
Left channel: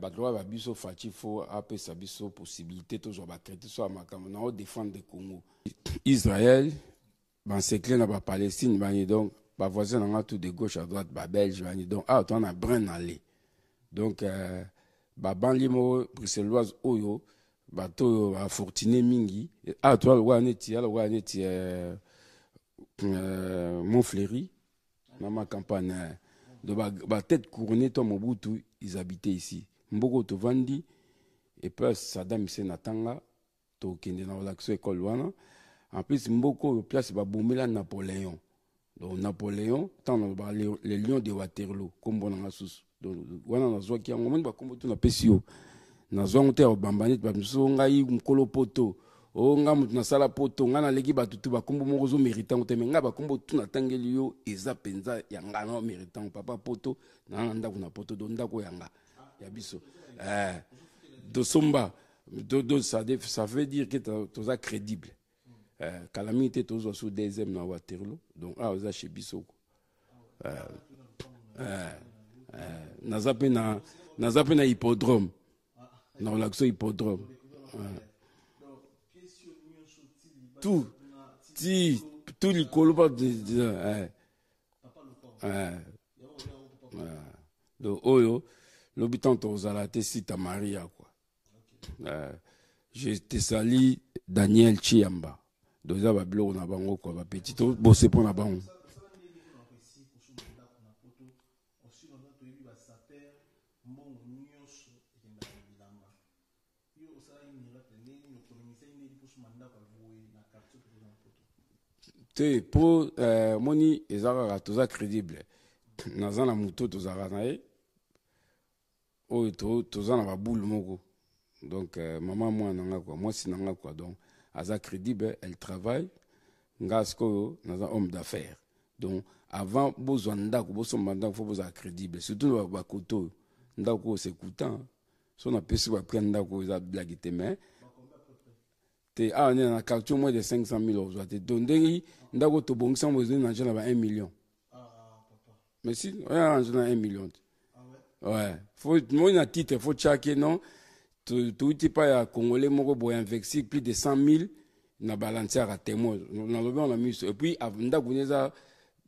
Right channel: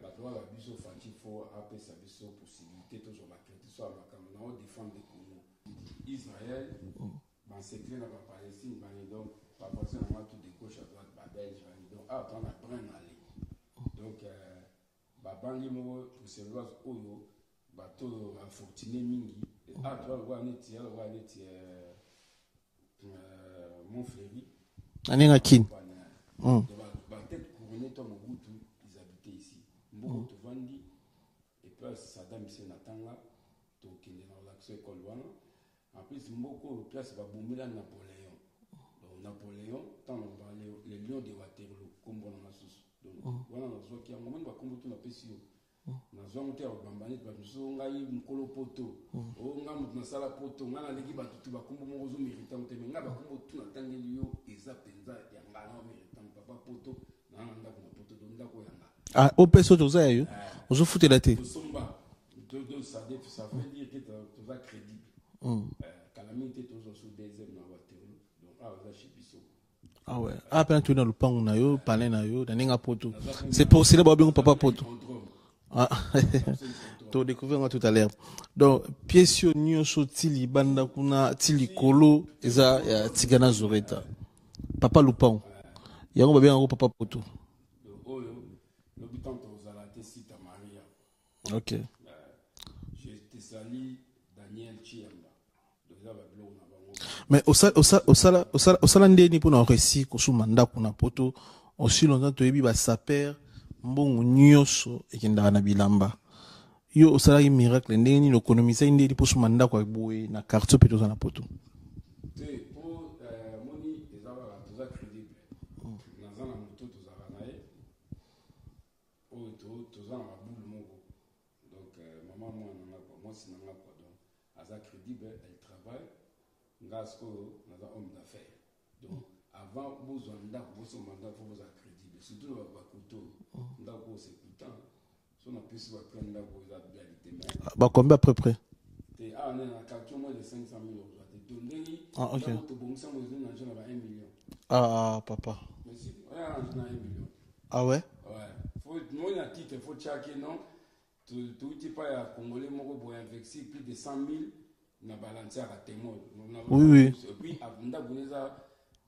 Batloa Babiso Fatifo après sa biso possibilité toujours créer soit makamona au défendre le Congo. Israël, ban secret na ba Palestine bani donc ba voisin na tout de gauche à droite ba Belge bani donc on a brin aller. Donc ba banlimo bruxelloise oyo bato a fortuné mingi toi le waneti ala waneti Montfleury aninga kin de ba tête couronnée toi Mobutu ils habitaient ici mboko to vandi et puis Saddam Hussein atanga to kende na relaxo école wana en plus mboko place ba bombela Napoléon donc Napoléon tant les lions de Waterloo comme bonanga sous donc wana na zo ki yango moni ba kombo to na pesio na zo ngote o bambani ba mso ngai mkolo poto o nga mutu na sala poto nga na leki batutu ba kombo moko zo méritant te menga ba kombo tu na tangeli yo eza penza yanga na méritant papa poto na ndako na poto do ndako yanga o peso to za yo ozo futela te to somba do ça veut dire que to za crédible calamité to zo sous deuxième na Waterloo donc oza chez biso. Ah ouais. Après tu dans le plan na yo, palais na yo, na poto. C'est pour cela ba bien papa hippodrome. Ah. Non, l'accès hippodrome. Tu découvert tout à l'heure. Donc pièce nyonso tili banda kuna tili kolo, tigana zoveta. Papa Lupin. Yango ba bien papa poto. Donc oyo l'habitant tozala te sita Maria quoi. OK. Je te salue Daniel Chiamba. Mais au salande ni pour un récit ko sumanda kuna poto aussi longtemps to yebi ba saper mbongo nyoso ekenda na bilamba yo au salari miracle ndeni no économiser ndeni pour sumanda kwa boye na quartier peto za na poto te pour moni ezaka toza crédible nazana muto tozaka nae o toza na ba boule moko donc maman moi nanga quoi moi sinanga quoi donc Aza crédible, elle travaille. Ngasko, nous sommes homme d'affaires. Donc, avant, besoin d'ako, besoin d'ako, faut besoin crédible. Surtout le bakoto, d'ako c'est coûtant. Si on a pu se prendre d'ako, ils ont blagué tes mains. Bah combien à peu près? On est dans un quartier moins de 500 000 euros. Donc, d'ako to bon sang besoin d'argent là 1 million. Ah papa. Mais si, on a argent 1 million. Ah ouais? Ouais. Faut moi un titre, faut checker non. Tout type à Congolais moko boy investi plus de 100 000 na balancer à témoin et puis avanda kuneza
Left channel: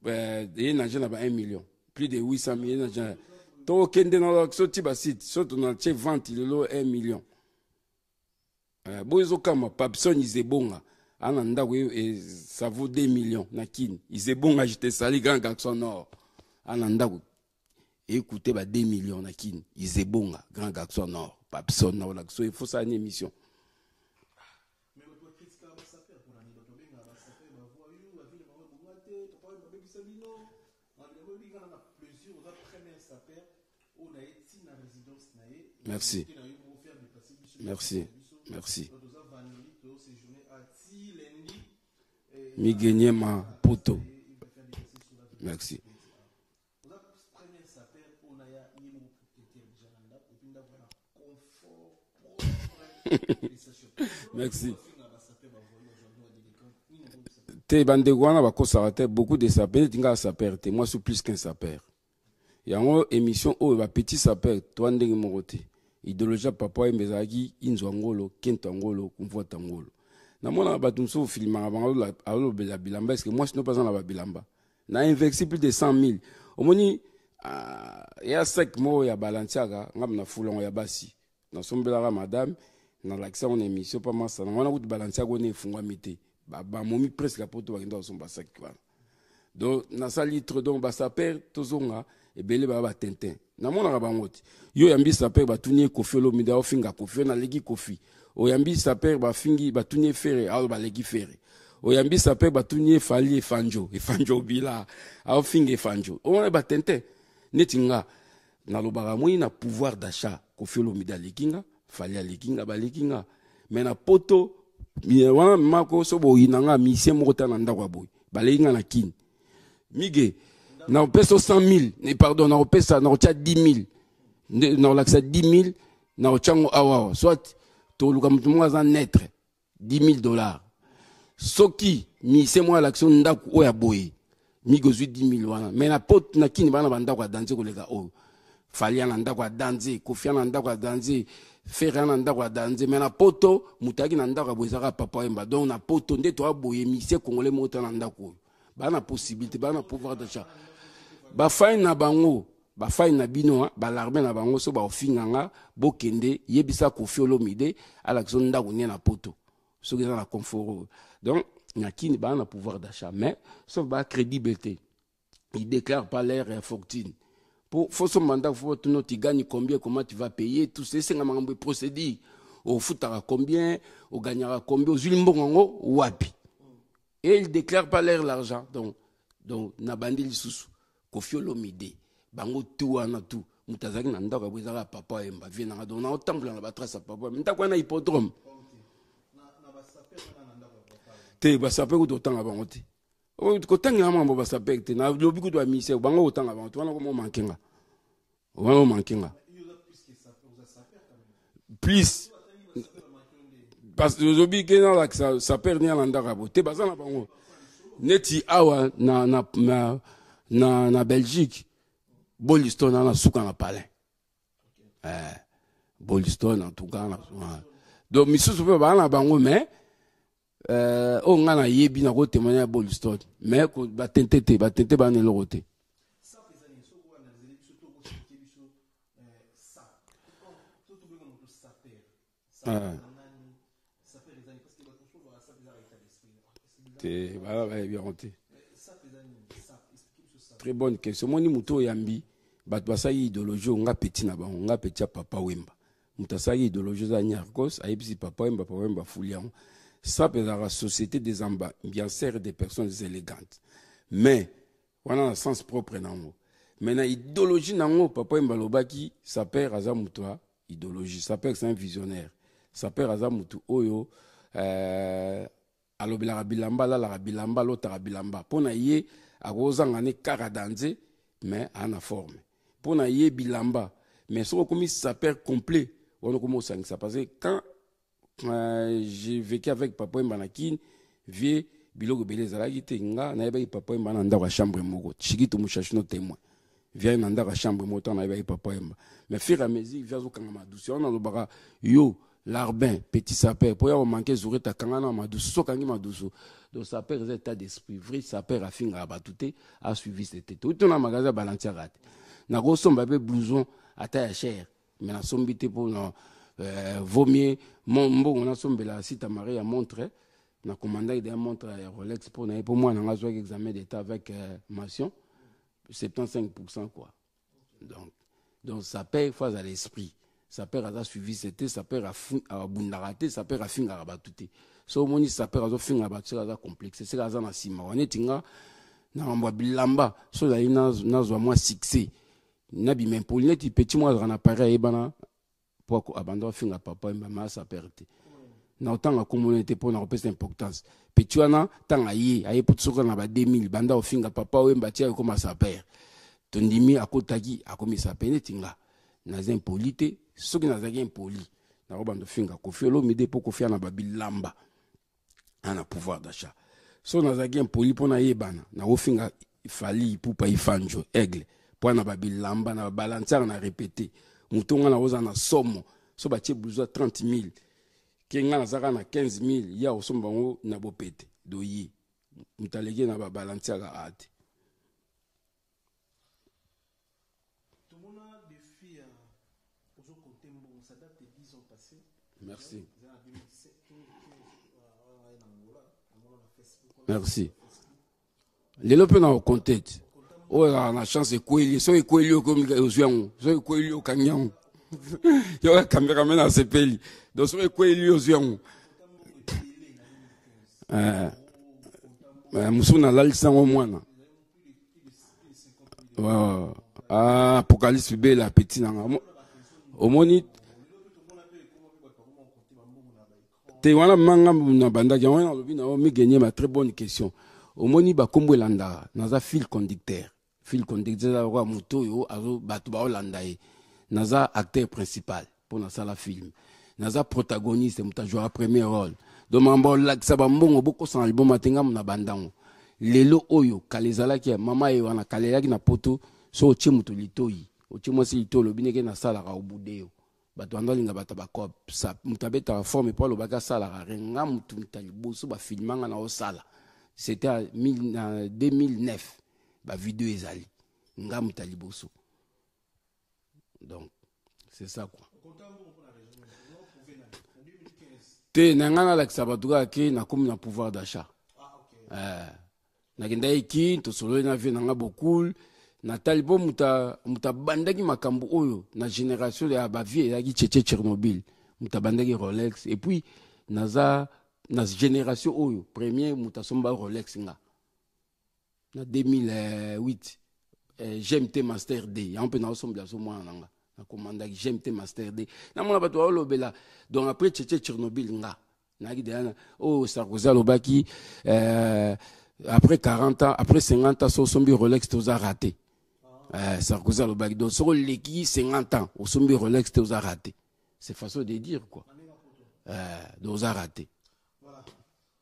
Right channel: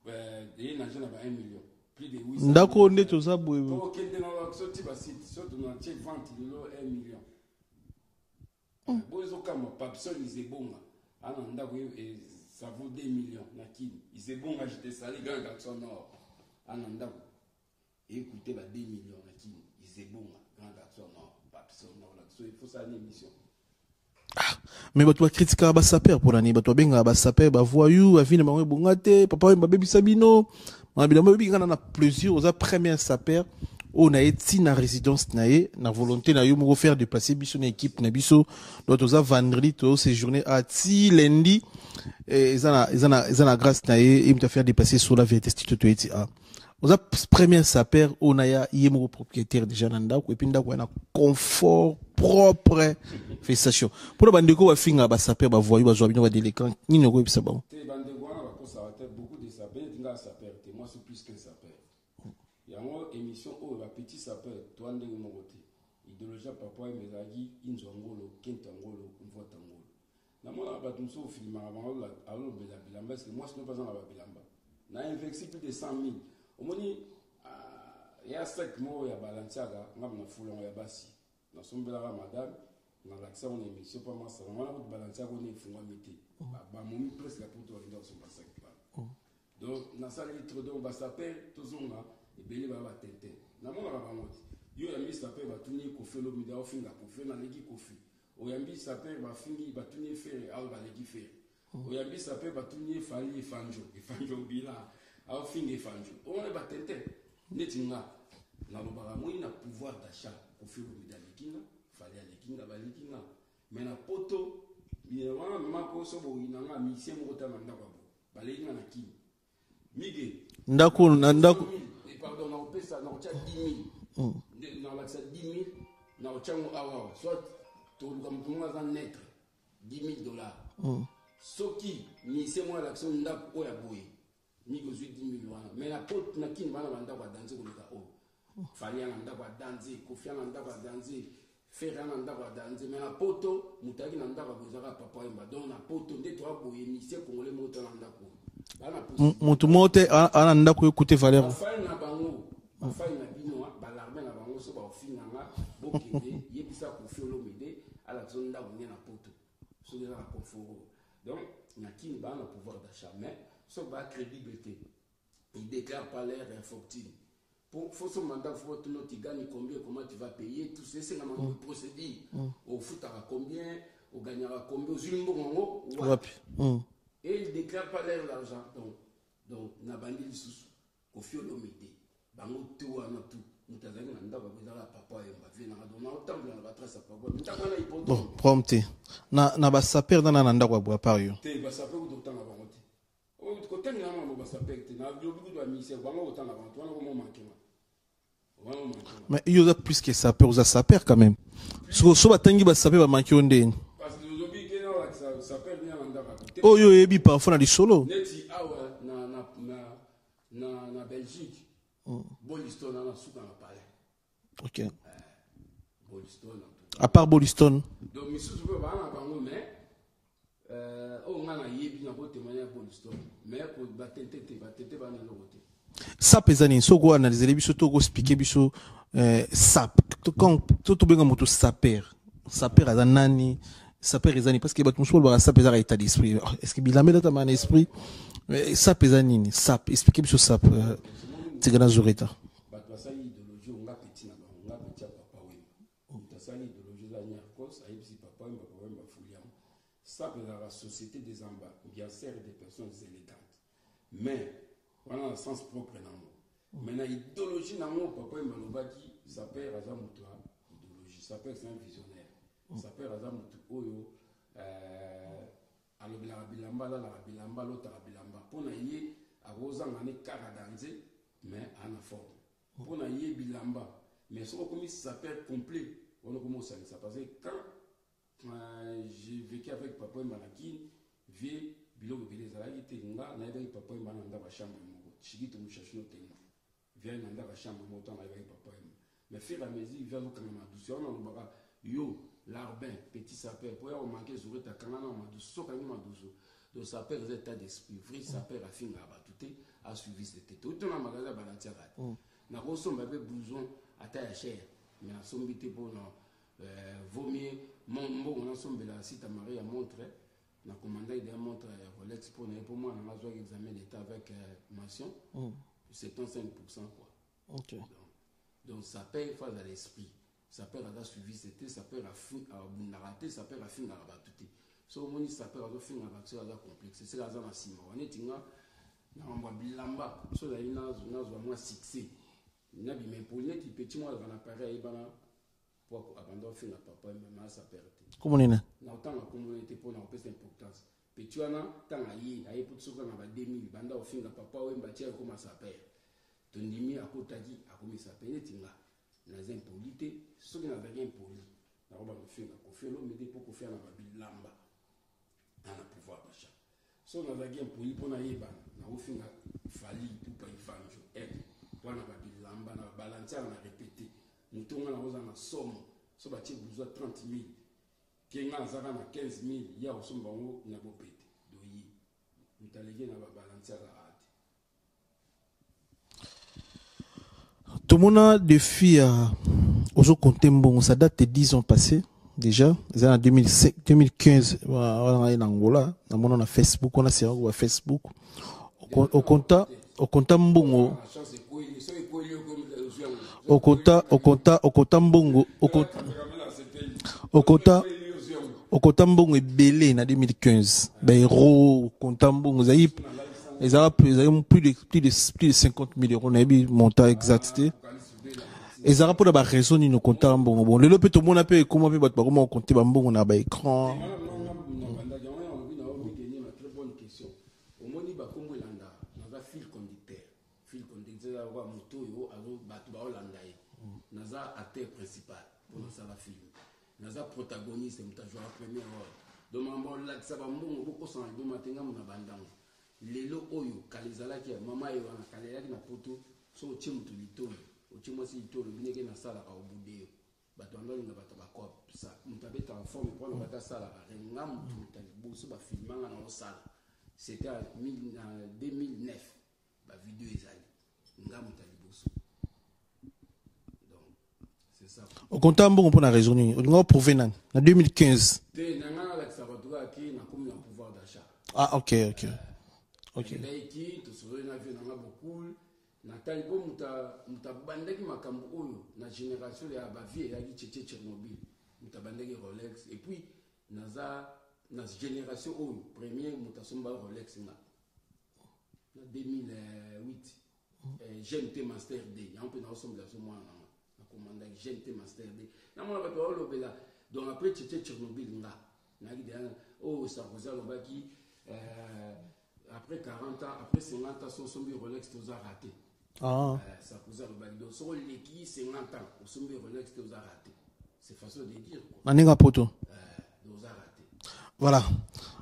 na jana ba 1 million plus de 800 000 ndako ndeto za boy to kende na so tiba site so to na che vente le 1 million bozo kama papson izebonga ana ndako et ça vaut 2 millions na kin izebonga j'étais sali grand garçon nord ana ndako écoutez ba 2 millions na kin izebonga grand garçon nord il faut ça une émission. Mais tu vas critiquer ba saper pour l'année, tu benga ba saper ba voyou, avine ba bongate, papa ba baby sabino, ma bilamba baby kana na plaisir aux première saper, on a été na résidence naé, na volonté na yo mo faire déplacer biso na équipe na biso, l'autre vendredi to séjourner à ti lundi et zana grâce naé, il me faire déplacer sur la VTS to eti a. Aux première saper on a yemo propriétaire déjà nanda ko epinda ko na confort propre félicitation pour bandeko ba finga ba saper ba voyou ba zo bino ba délinquant ni no ko bisa ba te bandeko wana ba ko sarate beaucoup de saper tinga saper te moi je suis plus qu'un saper yango émission o ba petit saper to ndenge mokote idéologie papa mbezaki inzo ngolo kento ngolo kumvota ngolo na mona ba tumso filma ba alo bela bilamba est-ce que moi je ne pas en la bilamba na investi plus de 100 000 omoni ya sec mo ya balantiaga ngam na fulon ya basi na sombela madame na l'accès on émission pas massa na wana kuti balantiaga on efungwa mité ba momi presque la poto bakenda somba sec ba donc na salitre donc ba saper tozonga ebele ba tintin na mona ba ngoti yo yambi saper ba tunie kofi lo mida ofinga kofi na legi kofi o yambi saper ba fingi ba tunie ferre alo ba legi ferre oyambi sape batunie fali fanjo bila au finge fanjo on ba tente netinga na lobaka moi na pouvoir d'achat ko felo midali kinga fali alikinga balikinga mais na poto wana mako so bo inanga misie moko na ndako boy balinga na kin mige na peso 100 000 pardon na pesa na ocha 10 000 na laksa 10 000 na ochango awa soit to luka mutumunga za netre $10,000 soki mi c'est moi l'action ndako oya boy mi gozui 10 000 wana mais na pot na kini bana bandako danser kolega o Fali na ndako ya danze, Kofi na ndako ya danze, Ferra na ndako ya danze, mais na poto mutaki na ndako ya bozaka Papa Wemba. Donc na poto nde to aboye musicien congolais mota na ndako. Ba na possibilité. Mutu mote ana ndako écouter Valer. Ba fay na bango, ba fay na bino, ba l'armée na bango so ba ofinganga bokende yebisa Kofi Olomide ala ko ndako ne na poto. So que na confort. Donc Nyakini ba na pouvoir d'achat, mais sauf ba crédibilité. Il déclare pas l'air fortune. Pour son mandat, il faut que tu gagnes combien, comment tu vas payer, tout ça, c'est un procédé. Au foutara combien, au gagnera combien, au zulimbongo, wapi. Et il déclare pas l'air l'argent. Donc, na bandil sous, Kofi Olomide, bango tout ana tout. Mutazaki na ndaka bwizaka Papa Wemba vient na dona au temple na batrace Papa ndako na hippodrome prompte na ba saper na ndako bwa pario te ba saper ko totanga bango te o ko tanga mambo ba saper te na lobi ko do mise bango tanga bango wana ko mo mankenga wana mankenga mais il y a plus que saper aux saper quand même plus so ba tangi ba saper ba manki onde parce que lobi ke na la saper ni na ndaka bo te oh yo yebi parfois na di solo neti awa na Belgique. Boliston a souka na palais. Ok. Boliston en tout cas. À part Boliston. Donc monsieur peut pas na bango mais on a yebi na ko témoigner à Boliston mais ko ba tente ba ne lokote. Ça pesani soko analyser biso to ko expliquer biso sap quand tout benga moto saper à nani saper ezani parce que bat muso ba saper à état d'esprit est-ce que bilamé là ta man esprit mais ça pesani sap expliquer biso sap c'est grand zorita bat basa idéologie on a petit na ba on a petit Papa Wemba mutasa idéologie za Nyarkos ayebisi Papa Wemba fulian sap est la société des ambianceurs des personnes élégantes mais on a un sens propre nango mais na idéologie nango Papa Wemba lobaki saper aza mutwa idéologie saper c'est un visionnaire saper aza mutu oyo alobela bilamba la bilamba lota bilamba pona ye akozanga ne kara danze mais en forme pona ye bilamba mais so comme saper complet on commence à ça parce que quand j'ai vécu avec Papa Wemba na kin vie biloko beleza la gite nga na yeba Papa Wemba na ndako chambre moko chikito mushashino témoin vient na ndako chambre moko na yeba Papa Wemba mais fur et à mesure vient zo kanga madusi on a baka yo l'arbin petit saper pour y manquer zoreta kangana madusu so kangi madusu donc saper est état d'esprit vrai saper a finga abatute a suivi cette tout on a magasin balancer rat na go somba be blouson à taille cher mais na sombité pour non vaut mieux mon on a sombela site Marie à montre na commandant de montre Rolex pour moi na zo examen d'état avec mention 75% quoi donc saper face à l'esprit saper a suivi c'était saper a bundaraté saper a finga abatute so moni saper a finga abatute a complexe c'est ça na sima on tinga na mwa bilamba so la ina zo moi succès na bi même pour net petit moi na pareil bana pour abandon finga Papa Wemba ma saper te communauté na autant la communauté pour na repère importance petit wana tanga yi aye potsoka na ba 2000 banda finga Papa Wemba tia comme saper tondimi akotaki akomi saper tinga na impolité ce qui n'a pas impoli na robando finga Kofi Olomide pour Kofi na babilamba ana pouvoir d'achat so na zaki impoli pour na yebana na ofinga fali pour pa ifanjo aigle pour na babilamba na balancer na répéter mutonga na oza na somo so ba tie blouson 30 000 kenga na zaka na 15 000 ya osomba ngo na bopete doyi mutalege na balancer ga ate. Tout le monde a des filles aux Contembo, ça date de 10 ans passés déjà. C'est en 2015, on a en Angola, on a Facebook, on a sur Facebook. Les gens peuvent en compter. Au Contembo, on a la chance de couler, so couler comme aux au Contembo, au caméraman à CPL. Au Contembo est belé en 2015. Les héros Contembo, ils ont plus de 50 millions. Maybe montant exact. Apocalypse belle petit. Ils ont pas de raison ni no Contembo. Bon, le lopé tout le monde a payé comment on compte bambo on a ba écran. Te wana manga na banda ya wana lobi na mi gagner ma très bonne question. Au moni ba kombo landa naza fil conducteur la roi moto yo azo batu ba olanda e naza acteur principal pour na sala film naza protagoniste muta jouer premier rôle donc mambo la sa ba mbongo boko san album matenga na bandango lelo oyo kalezala ki mama e wana kalela ki na poto so tie muto litoyi otie mwasi litolo bineke na salaka obude bato andalinga bata bakop sa mutabeta forme pour le baga salaka renga mutu mutaliboso ba filmanga na osala. C'était en 2009 ba vidéo ezali nga mutaliboso. Donc c'est ça. Au comptant bon pour la raison on prouver en 2015 te nanga la sabatuka ki na comme na pouvoir d'achat. Ah ok. Nakenda iki to solo na vie nanga beaucoup na talibo muta bandaki makambo oyo na génération ya ba vie ya ki tchétché Tchernobyl muta bandaki Rolex et puis naza na génération oyo premier muta somba Rolex nga na 2008 GMT Master D un peu na somba so moi nanga na commandaki GMT Master D na mona bato wa lobela donc après tchétché Tchernobyl nga na ki dana oh Sarkozy lobaki après 40 ans après 50 ans so sombi Rolex toza raté. Sarkozy a le bac donc sur l'équipe 50 ans au sommet Rolex tu as raté, c'est façon de dire quoi. Maninga poto. Donc a raté. Voilà.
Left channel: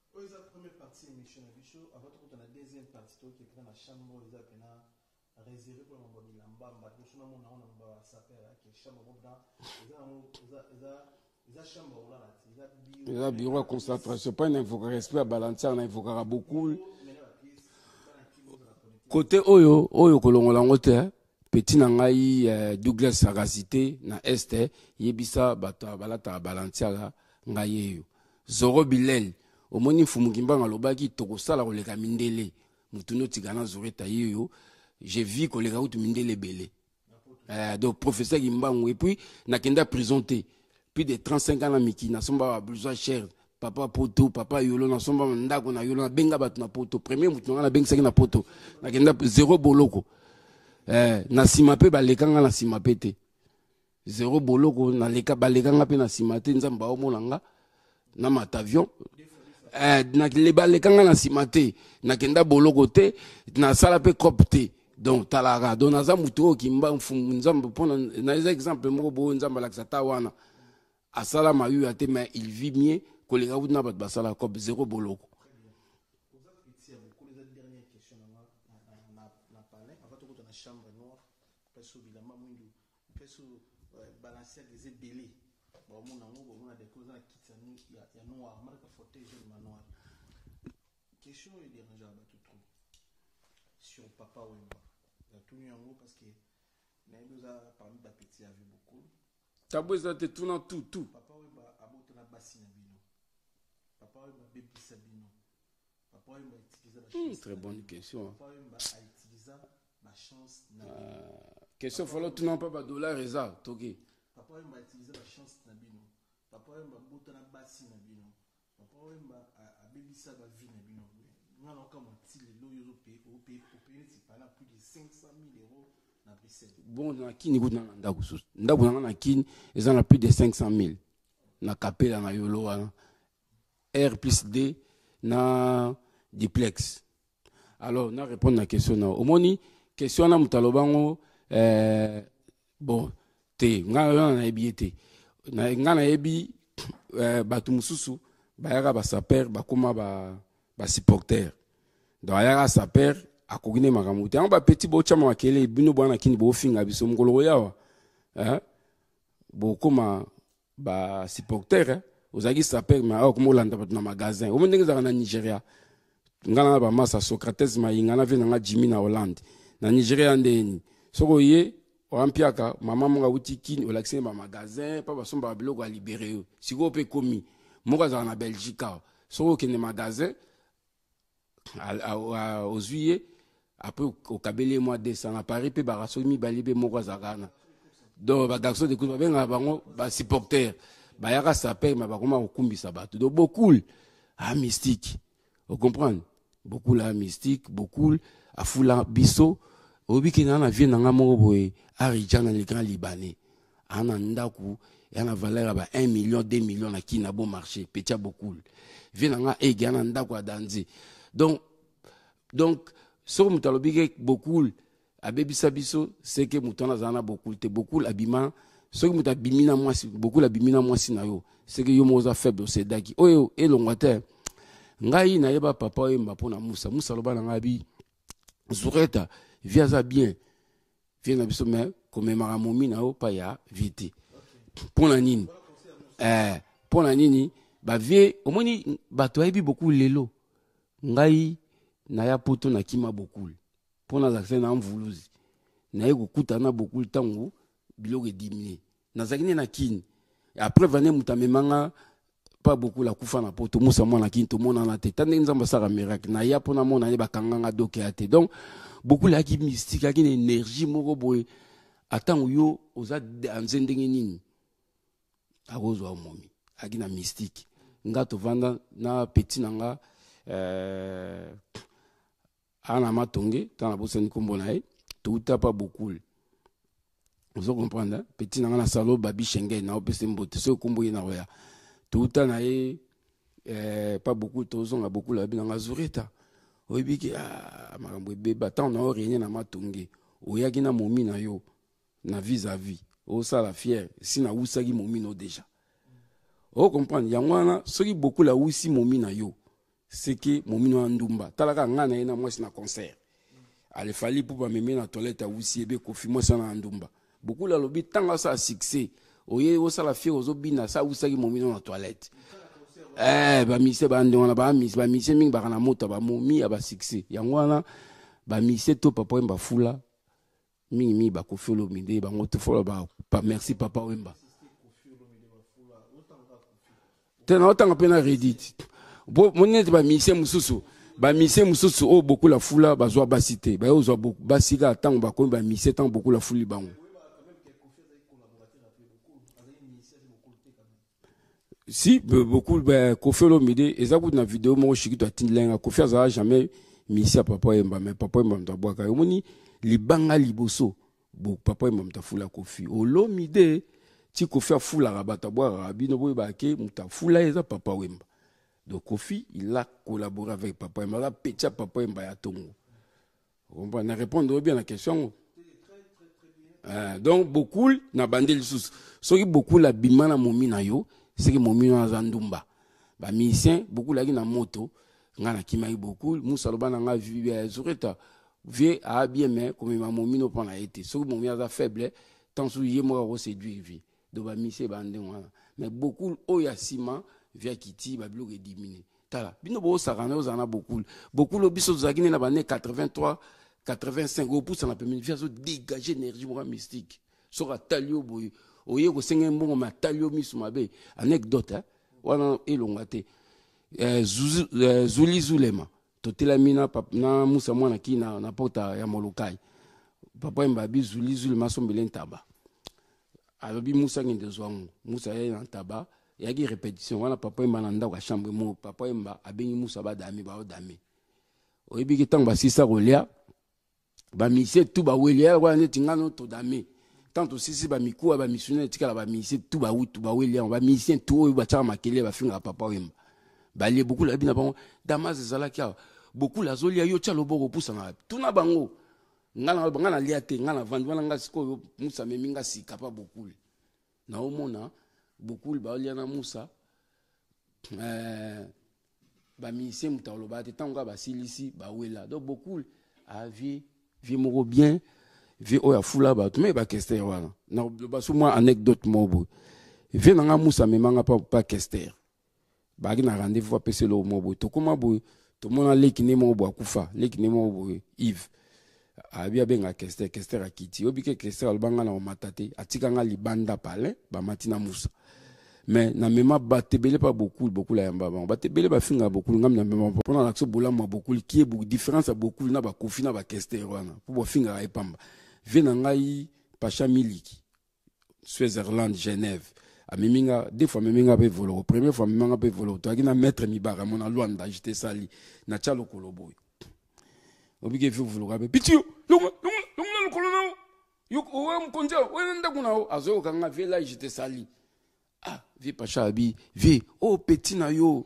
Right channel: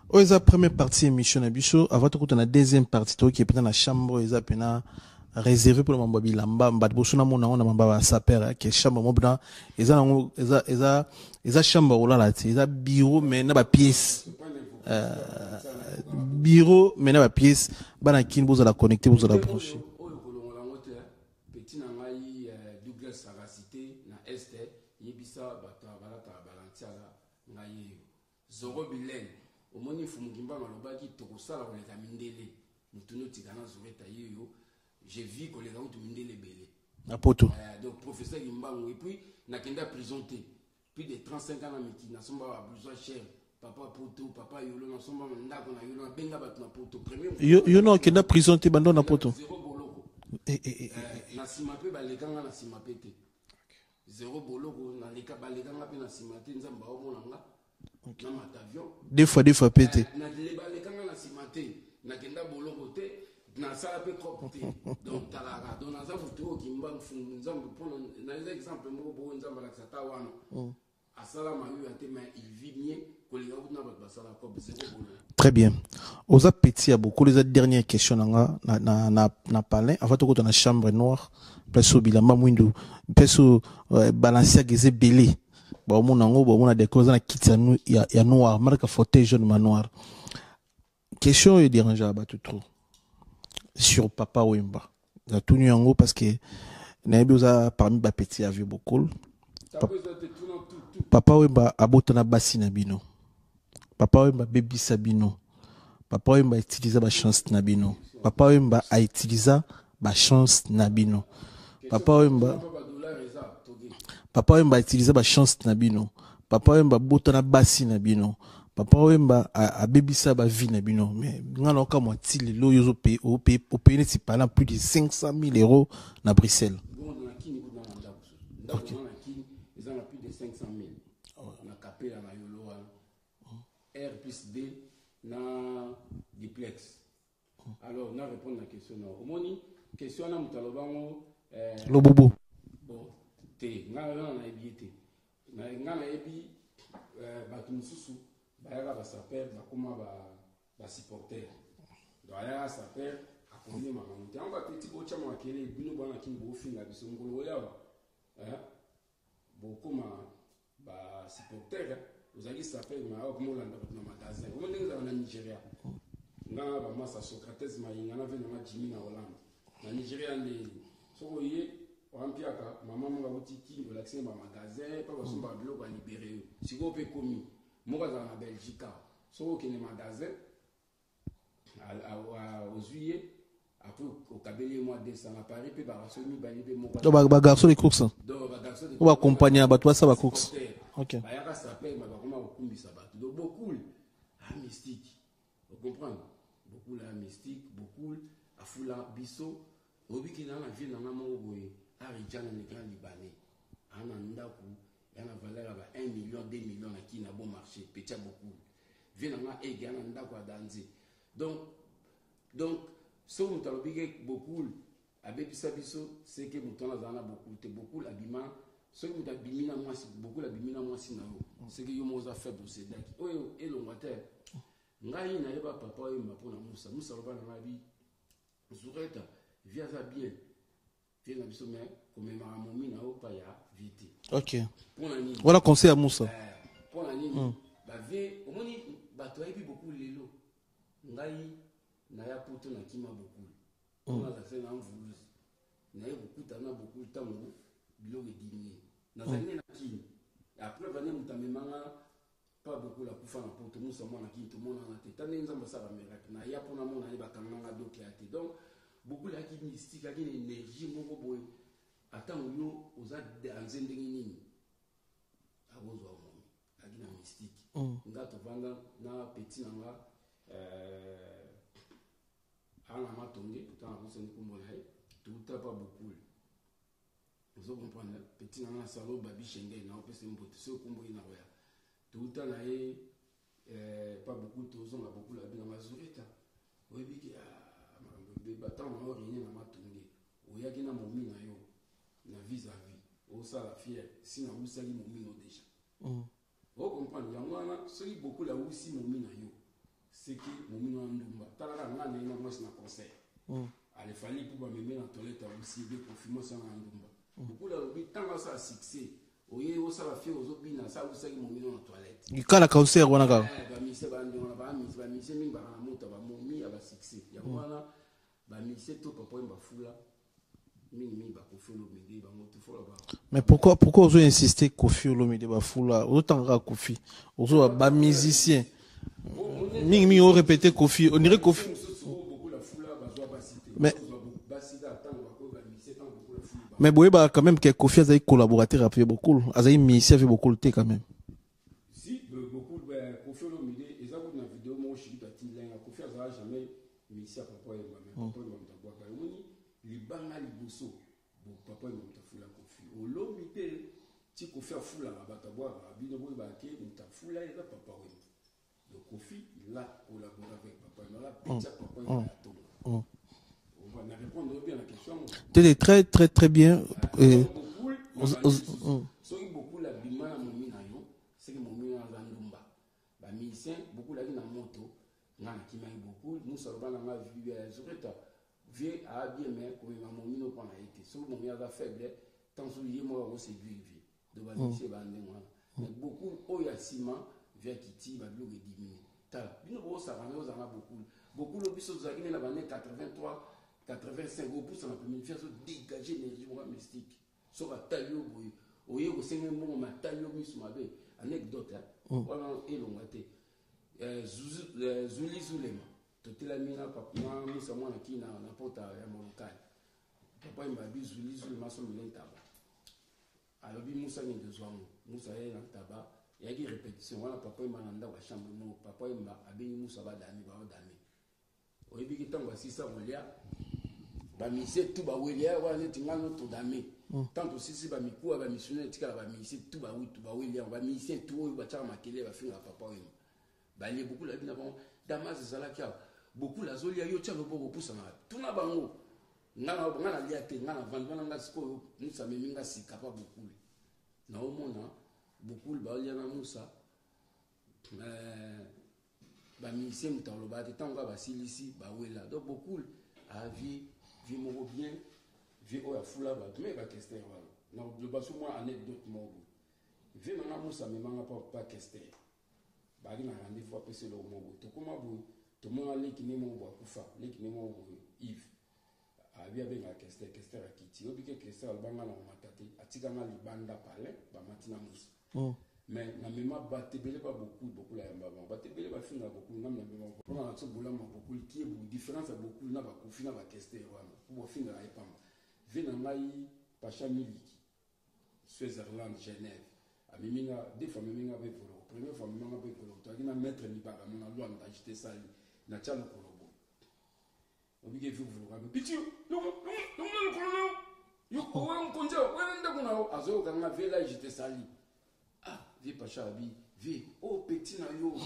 Oza première partie émission na biso avant de continuer la deuxième partie toi qui est dans la chambre oza pena réservé pour le mambo bilamba mbad boso na mona na mamba saper qui chambre mobna eza chambre ola la ti eza bureau mais na ba pièce. C'est pas une infographie à balancer na infographie. Bureau mais na ba pièce bana kin bozo la connecter bozo la. Oyo kolongola ngote petit na ngai Douglas Sagacité na este yebisa bato balata balancer la ngai Zoro Bilel omoni fumukimba ngalobaki tokosala koleka mindele mutuno tigana zoreta yeyo. J'ai vu que les gars ont mindele belé. Donc professeur Gimbangu et puis nakenda présenté plus de 35 ans na miki na somba besoin cher papa poto papa yolo na somba ndako na yolo na benga bat na poto premier mutu na benga na présenté bando na poto zéro boloko na simape balekanga na simape te zéro boloko na leka balekanga pe na simate nzamba omona nga na matavion deux fois peut-être na le balekanga na simate na kenda boloko te na sala pe cop te donc talaga donc naza muto kimba nzamba pona na exemple moko bo nzamba la xata wana asala mayu ate mais il vit mieux que les gars na bat basala cop zéro boloko. Très bien. Oza petit a beaucoup les dernières questions na parler avant de dans la chambre noire peso bilamba mwindo peso balancer geze belé ba mona ngo ba mona décorer na kit ya noir marque fauteuil jaune manoir. Question est dérangeant à battre trop sur Papa Wemba. Il a tout nu en haut parce que Naïbouza parmi les petits a vu beaucoup. Papa Wemba a botana bassi nabino. Papa Wemba baby sabino. Papa Wemba a utilisé ma chance nabino. Papa Wemba a utilisé ma chance nabino. Papa Wemba a utilisé ma chance nabino. Papa Wemba botana bassi nabino. Papa Wemba a bébisa ba vie na bino mais ngana ka moitié lo yozo paye au pays ne pas plus de 500 000 € na Bruxelles. Bon na kini gut na ndako na kini ezana plus de 500 000 na kapela na yolo wana R+D na duplex. Alors na répondre na question na omoni question na mutalobango bon te ngana na ebiete na ngana ebi batu mususu bayaka ba saper bakoma ba supporter donc ayaka saper akogine makamuti on ba petit bo chama makele bino bwana kini bo finga biso mukolo yawa bo koma ba supporter ozaki saper ma o komolanda bat na magasin o ndenge za na Nigeria ngana ba masa Socrates mayinga na vina nga Jimmy na Hollande na Nigeria ndeni soko ye oampiaka mama monga wuti kini olaxine ba magasin pa ba somba biloko a libérer siko pe komi moko za na Belgique soko kene magasin aux juillet après au kabele mois décembre à Paris pe ba somi balibé moko za ba garçon de course donc ba garçon de course ba accompagner ba toi ça ba course ba yaka saper ma ba koma okumbisa bato donc beaucoup mystique vous comprenez beaucoup la mystique beaucoup a fula biso obiki na vie na ngamo boye arijana le grand libanais ana ndaku yana valeur ba 1 million 2 millions na ki na bon marché petit beaucoup vie na nga e gana ndaku adanzi donc so mutalobike beaucoup abebisa biso c'est que mutana zana beaucoup te beaucoup abima so que mutabimina mwasi beaucoup labimina mwasi na yo c'est que yo moza faible c'est daki oyo elongate ngai na yeba papa oyemba pona musa loba na ngabi zureta via za bien vient na biso mais komemaka momi na yo pa ya vite. OK. Pour la nini. Voilà conseil à Moussa. Pour la nini ba vie omoni bato ayebi beaucoup lelo. Ngai na ya poto na kima beaucoup. Pour na accès na mvuluzi. Na ye kokutana beaucoup tango biloko diminuer. Na zakine na kini. Après vane mutamemanga pas beaucoup la kufa na poto Moussa mwana kini to mona na tete. Tande nzamba sara miracle. Na ya pona mona ye bakanganga doke ate. Donc beaucoup la qui mystique, qui une énergie moko boy. Attends yo oza anzendenge nini. Agozo momi. Aki na mystique. Nga to vanda na petit nanga ana matonge tana bosa ni kombo na ye. Tout pas beaucoup. Vous comprenez? Petit nanga na salo babi Schengen na opese mbote so kombo na roya. Tout na ye pas beaucoup tozonga beaucoup la binanga zureta. Oibiki makambo beba tant na origné na matonge. Oyaki na momi na yo na vis-à-vis. O ça la fière si na usaki momi no déjà. O comprendre yangwana soki beaucoup la usi momi na yo. C'est que momi no andumba. Talaka ngana ina moi na concert. Ale fali pour ba meme na toilette usi ebe kofi moi ça na andumba. Beaucoup la lobi tanga ça succès. Oye o ça la fière ozo bina ça usaki momi no na toilette. Kala concert wana ba mise ba ndona ba mise mingi ba na moto ba momi aba succès. Yangwana ba mise to papa mba fula. Mingi ba Koffi Olomide ba ngoto fola ba. Pourquoi vous insistez Koffi Olomide ba fula autant ka Koffi. Autant musicien. Bon monet ba répéter Koffi ba mise mususu o beaucoup la fula ba zo ba cité. Ba zo ba siga tant ba ko ba mise tant beaucoup la fouli ba. Mais boye ba quand même que Koffi a collaborateur avec beaucoup. Azaï musicien fait beaucoup le quand même. Si beaucoup ba Koffi Olomide ezaku na vidéo mo shiki to atindenga Koffi a jamais musicien papa emba mais papa emba mtabwa ka yomoni libanga liboso bo papa mta fula Koffi Olomide ti Koffi fula rabata boira bino boy baké mta fula eza papa wemba donc Koffi il a collaboré avec papa wemba la pecha papa wemba ya tongo on va répondre bien à la question très bien donc beaucoup na bandeli sous soki beaucoup la bimana momi na yo c'est que momi na zandumba ba musicien beaucoup la na moto ngana kimai beaucoup Moussa lobana nga vu zureta vie a bien mais comme ma momi no prend la été so momi a faible tant sou yé moi ro séduire vie do ba mise bande wana mais beaucoup oyasima via kiti ba bloc diminuer tala bino bo sakana ozana beaucoup lo biso zakine na bane 83 85 au pouce na permis via so dégager énergie mo mystique so ka talio boy oye ko senga mbongo ma talio misu mabe anecdote wana elongate Zuli Zulema totela mina na Moussa mwana ki na porta ya molokai papa mbabi Zuli Zulema sombele ntaba alobi Moussa ngende zwangu Moussa ye na ntaba yaki répétition wana papa mba na ndako chambre mo papa mba abengi Moussa ba dami oyebi ki tanga basisa kolia ba mise tu ba welia wana neti ngano to dami tanto sisi ba mikuwa ba missionnaire tikala ba mise tu ba welia ba mise tu oyo ba chama makele ba finga papa mba balie beaucoup la bina bango damas ezalaki beaucoup la zolia yo tia loboko pusa na tuna bango ngana lia te ngana vandwana nga siko Moussa meminga sika pa beaucoup na omona beaucoup ba lia na Moussa ba mise mutalo ba te tanga ba silisi ba wela donc beaucoup a vie moko bien vie oya fula ba mais ba kester wana na ba sou moi anecdote mobo vie na nga Moussa memanga pa kester bagi na rendez-vous apese lo mobo to koma bo to mona leki ne mobo akufa leki ne mobo Yves abia benga kester akiti obike kester albanga na matate atika nga libanda pale ba matina Moussa mais na mema batebele pas beaucoup la yamba batebele ba finga beaucoup ngam na mema pona l'action bola mo beaucoup qui est beaucoup différence à beaucoup na ba kofi na ba kester wana pour bo finga ai pamba vena ngai pacha miliki Switzerland Genève Miminga, des fois Miminga peut voler. Première fois Miminga peut voler. Tu as dit na maître Mibara, mon Luanda, j'étais sali. Na chalo koloboy. Oblige vu voler. Pitio, longa le colonel. Yo owa mkonja, wenda kuna o azo kanga vela j'étais sali. Ah, vi pacha abi, vi oh petit na yo.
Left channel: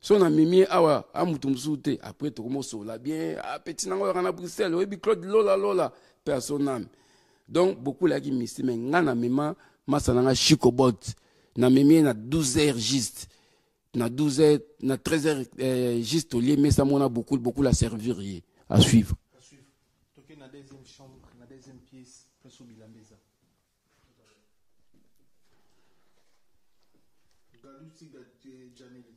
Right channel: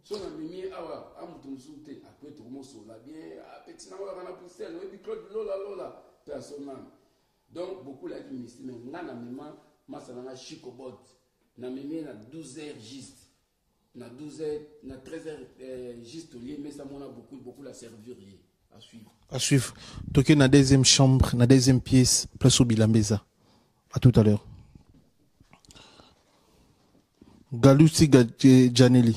So na mimi awa amutumsute après to komo so la bien. Ah petit na ngo kana Bruxelles, obi Claude lola personnel. Donc beaucoup la qui mystique mais ngana mema masananga chicobot na memi na 12h juste na 12h na 13h juste au lieu mais ça mona beaucoup la servir À suivre. À suivre. Toké na deuxième chambre, na deuxième pièce, place au Bilambeza. À tout à l'heure. Galouti Janelli.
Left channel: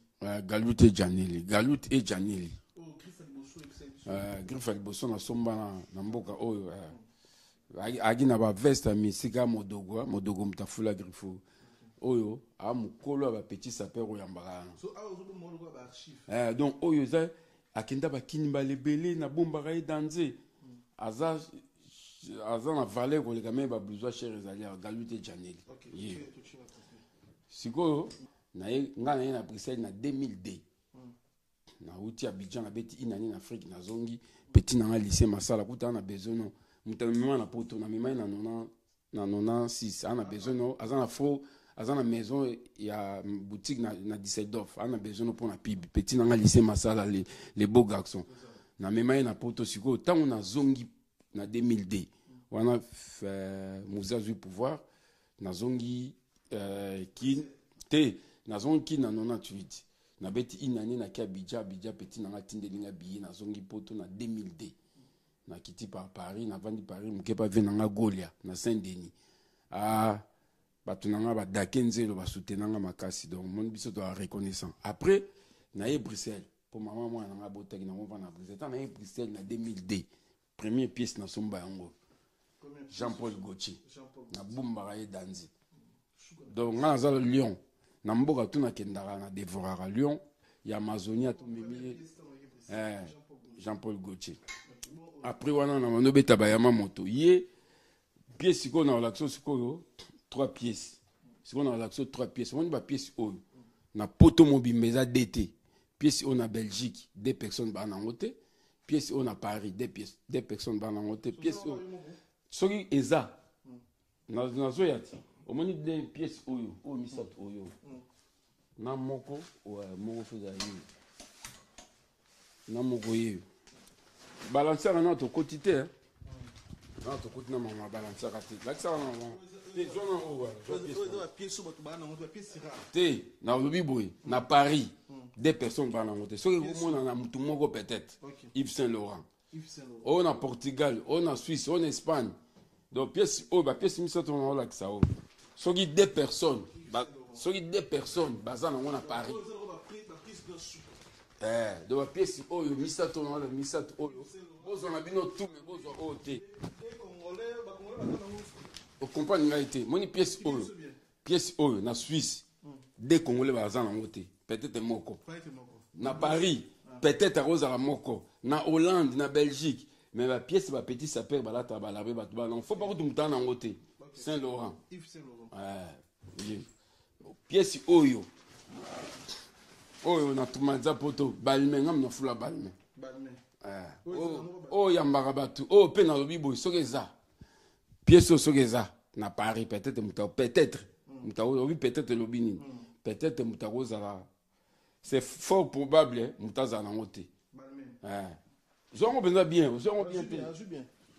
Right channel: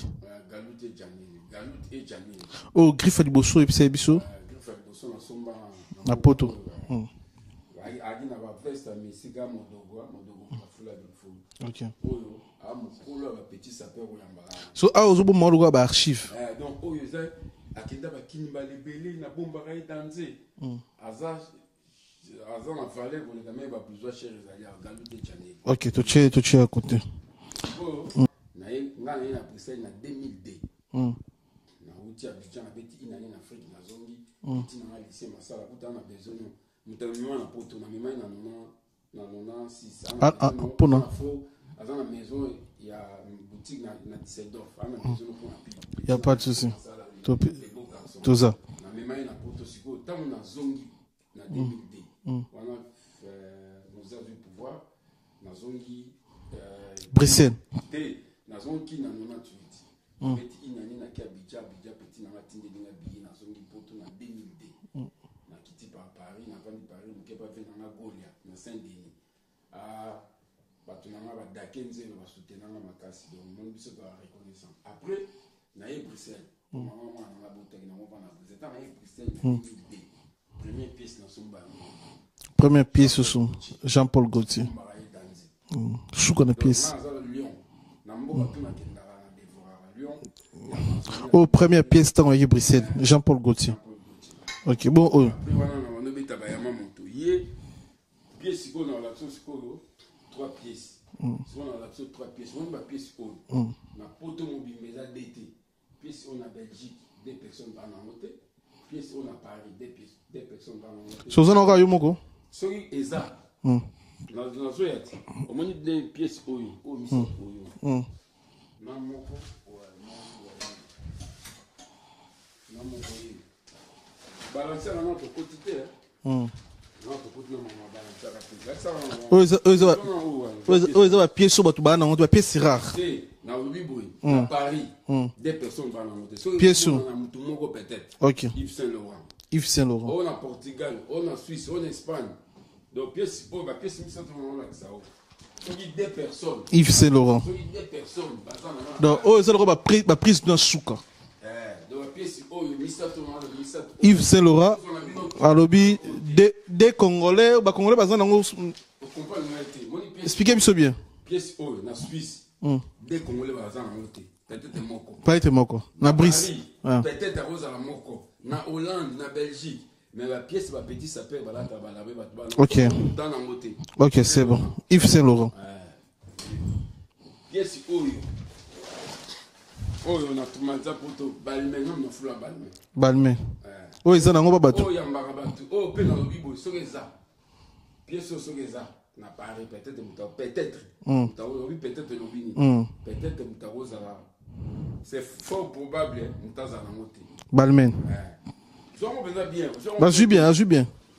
Galut et Janelli. Galut et Janelli. Oh, Griffe Aliboso et Psebiso. Griffe Aliboso na somba na poto. Agi na ba veste mi siga modogo mtafula Griffo. OK. Oyo a mukolo ba petit sapeur oyambala. So a ozobo mo ba archive. Donc oyo za akenda ba kinimba lebele na bomba ga danser. Aza na valet pour les gamins ba besoin cher ezali Galut et Janelli. OK, to che à côté. Nga na Bruxelles na 2002 na uti Abidjan na beti inani na Afrique na zongi petit na lycée Masala kuta na besono mutalema na poto na mimai na 96 ana besono na fo azana maison ya boutique na Düsseldorf ana besono pour na pib petit na lycée Masala les beaux garçons tout ça na mimai na poto siko tangu na zongi na 2002 wana musée du pouvoir na zongi Bruxelles. Na zongi na 98. Na beti inani na kia Abidjan petit na matinde linga billet na zongi poto na 2002. Na kiti par Paris na vandi Paris muke pa vena nga Golia na Saint-Denis. Batu nanga ba dakenzelo ba soutenanga makasi donc mon biso to reconnaissant. Après na Bruxelles. Maman moi na botaki na mova na Bruxelles. Na Bruxelles na 2002. Première pièce na somba yango. Première pièce sur Jean-Paul Gaultier. Souka na pièce. Na Lyon. Na mboka tuna kendara na dévorara Lyon. Ya Amazonie. Oh, première pièce dans Bruxelles. Jean-Paul Gaultier. Jean-Paul Gaultier. OK, bon. Après wana na mano beta ba yama moto. Yé pièce ko na relaxo siko 3 pièces. Siko na relaxo 3 pièces. On ba pièce o. Na poto mobimbeza DT. Pièce on na Belgique, 2 personnes ba na ngote. Pièce on na Paris, 2 personnes ba na ngote. Sozana ka yo moko. Soki eza. Na zoyati omoni de pièce oyo misato oyo na moko moko na moko oyo balancer na to quotité na to quotité na mama balancer oyo ba pièce so batu ba na ngoto ba pièce rare na lobi boy na Paris 2 personnes ba na ngoto so pièce na mutu moko peut-être OK Yves Saint-Laurent on a Portugal on a Suisse on a Espagne. Donc, pièce, bah, pièce, Soki 2 personnes. Yves Saint-Laurent. Soki 2 personnes. Donc, c'est prise dans souka. Donc, pièce, Yves Saint-Laurent. Alobi, des Congolais, Congolais, expliquez-moi bien. Pièce, na Suisse. Des Congolais, peut-être moko. Peut-être moko. Na Brice. Peut-être à Rosa moko. Na Hollande, na Belgique. Mais la pièce va petit s'appelle OK. OK, c'est bon. Yves Saint-Laurent. Pièce oyo. Oyo na tumanza poto balme ngam na fula balme. Balme. Oyo za nango babatu. Oyo yambaka batu. Oyo pe na lobibo sokeza. Pièce sokeza na Paris peut-être peut-être. Oui peut-être lobini. Peut-être mutagoza. C'est fort probable mutaza na ngote. Balmen. Bien.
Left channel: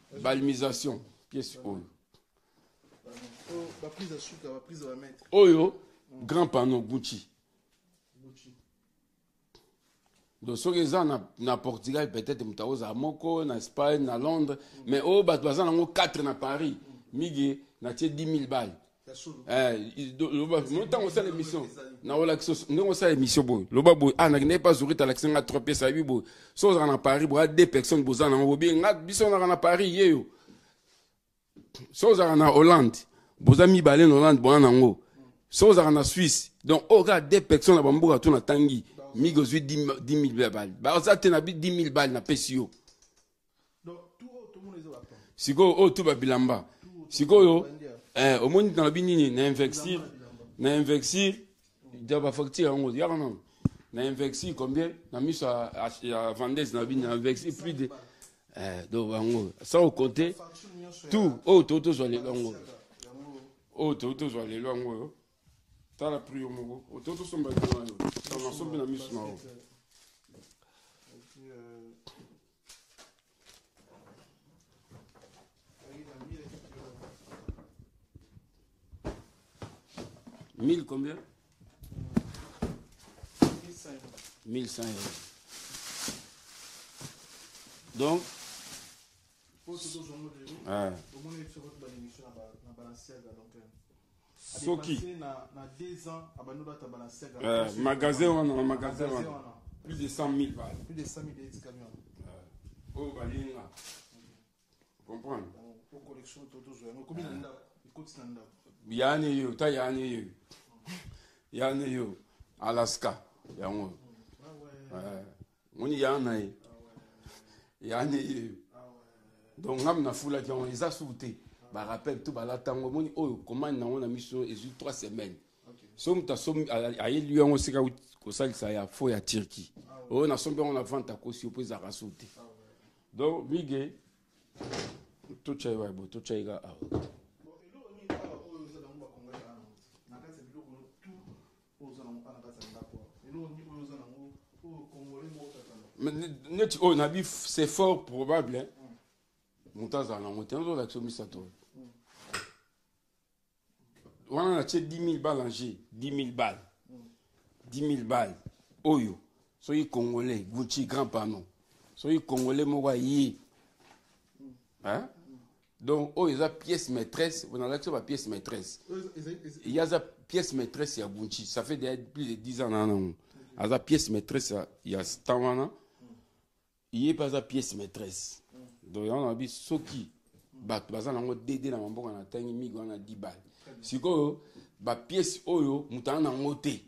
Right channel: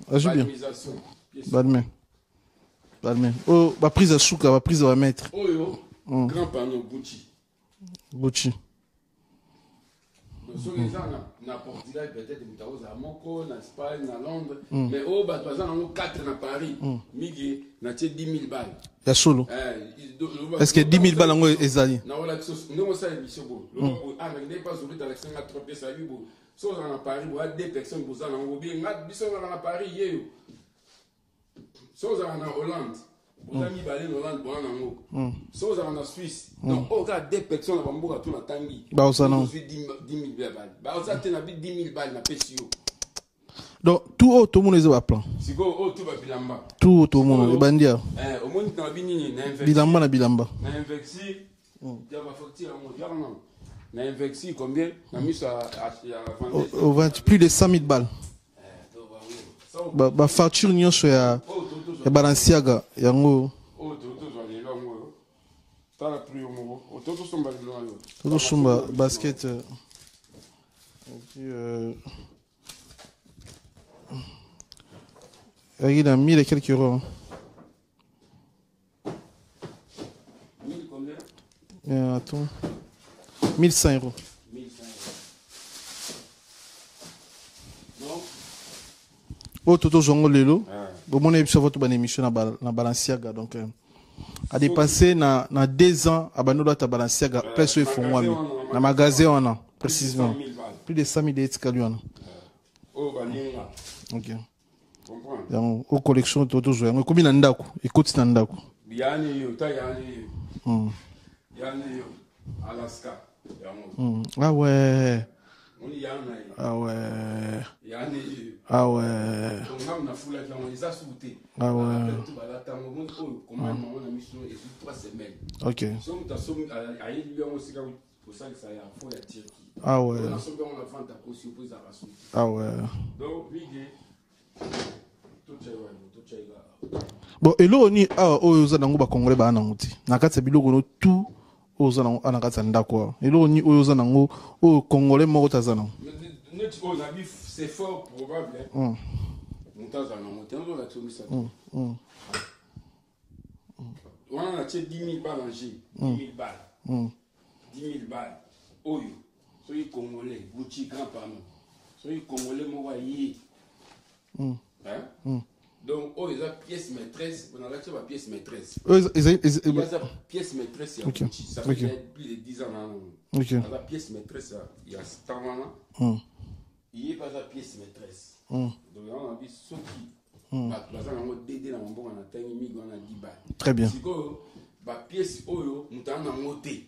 Balmisation. Balmen. Oh, ma prise à souka, ma prise à mettre. Oh yo, grand panneau Gucci. Donc ce que ça na Portugal peut-être mutaoza moko na Espagne na Londres, mais oh ba doza nango 4 na Paris. Migi na 10 000 balles. Ya solo. Est-ce que 10 000 balles nango ezali? Na wala ngo ça émission boy. Loba boy, na n'est pas zuri ta l'accent à 3 pièces à 8 boy. So na Paris boy 2 personnes boza nango bien ngat biso na Paris yeyo. So na Hollande. Boza mi balé en Hollande boza nango. So na Suisse. Donc au gars 2 personnes na bamboka to na tangi. Ba osana 10 000 balles. Ba osate na 10 000 balles na pesio. Donc tout le monde est au plan. Siko tout ba bilamba. Tout le monde bandia. Au monde dans bini na invexi. Bilamba na bilamba. Na invexi. Ya ba facture ngo ya non. Na invexi combien? Na miso à vendre plus de 100 000 balles. Donc bango. Ça au ba facture nyonso ya Balenciaga yango. Toto zo le longo. Ta la prix ngo. Toto somba ngo. Toto somba basket. Il a 1000 et quelques euros. 1000 combien? Attends. 1100 euros. 1100 euros. Donc oh toto zongo lelo bon mon émission votre bonne émission na Balenciaga donc a dépassé na 2 ans abanola ta Balenciaga presque il faut moi na magasin on a précisément plus de 100 000 etikali on oh balinga OK comprends donc au collection toto zongo komi na ndako ekoti na ndako yani yo ta yani yo Alaska yango ah ouais Moni yana ah ouais yani ah ouais donc ngam na fula ki on les a sauté ah ouais tout bala tango moni oh comment on a mis sur 3 semaines OK so mta so ayi lui on sika ko salisa ya fo ya Turquie ah ouais on a sombe on a vente à cause pour ça sauté ah ouais donc big tout chaiga bon elo ni oyo za nango ba congolais ba nanguti na kati biloko no tout oza nango ana kati ndako elo ni oyo za nango o congolais moko tazana net on a vu c'est fort probable montaza na moto la tsomi ça on a acheté 10 000 balles en J 10 000 balles 10 000 balles oyo soki congolais Gucci grand panneau soki congolais moko yi donc oh ils ont pièce maîtresse on a la pièce maîtresse il y a pièce maîtresse il y a Gucci ça fait plus de 10 ans non il y a pièce maîtresse il y a Tawana il y a pas pièce maîtresse donc on a vu soki bah ça na mo dédé na mbongo na tangi migo na 10 balles très bien siko ba pièce oyo mutana ngote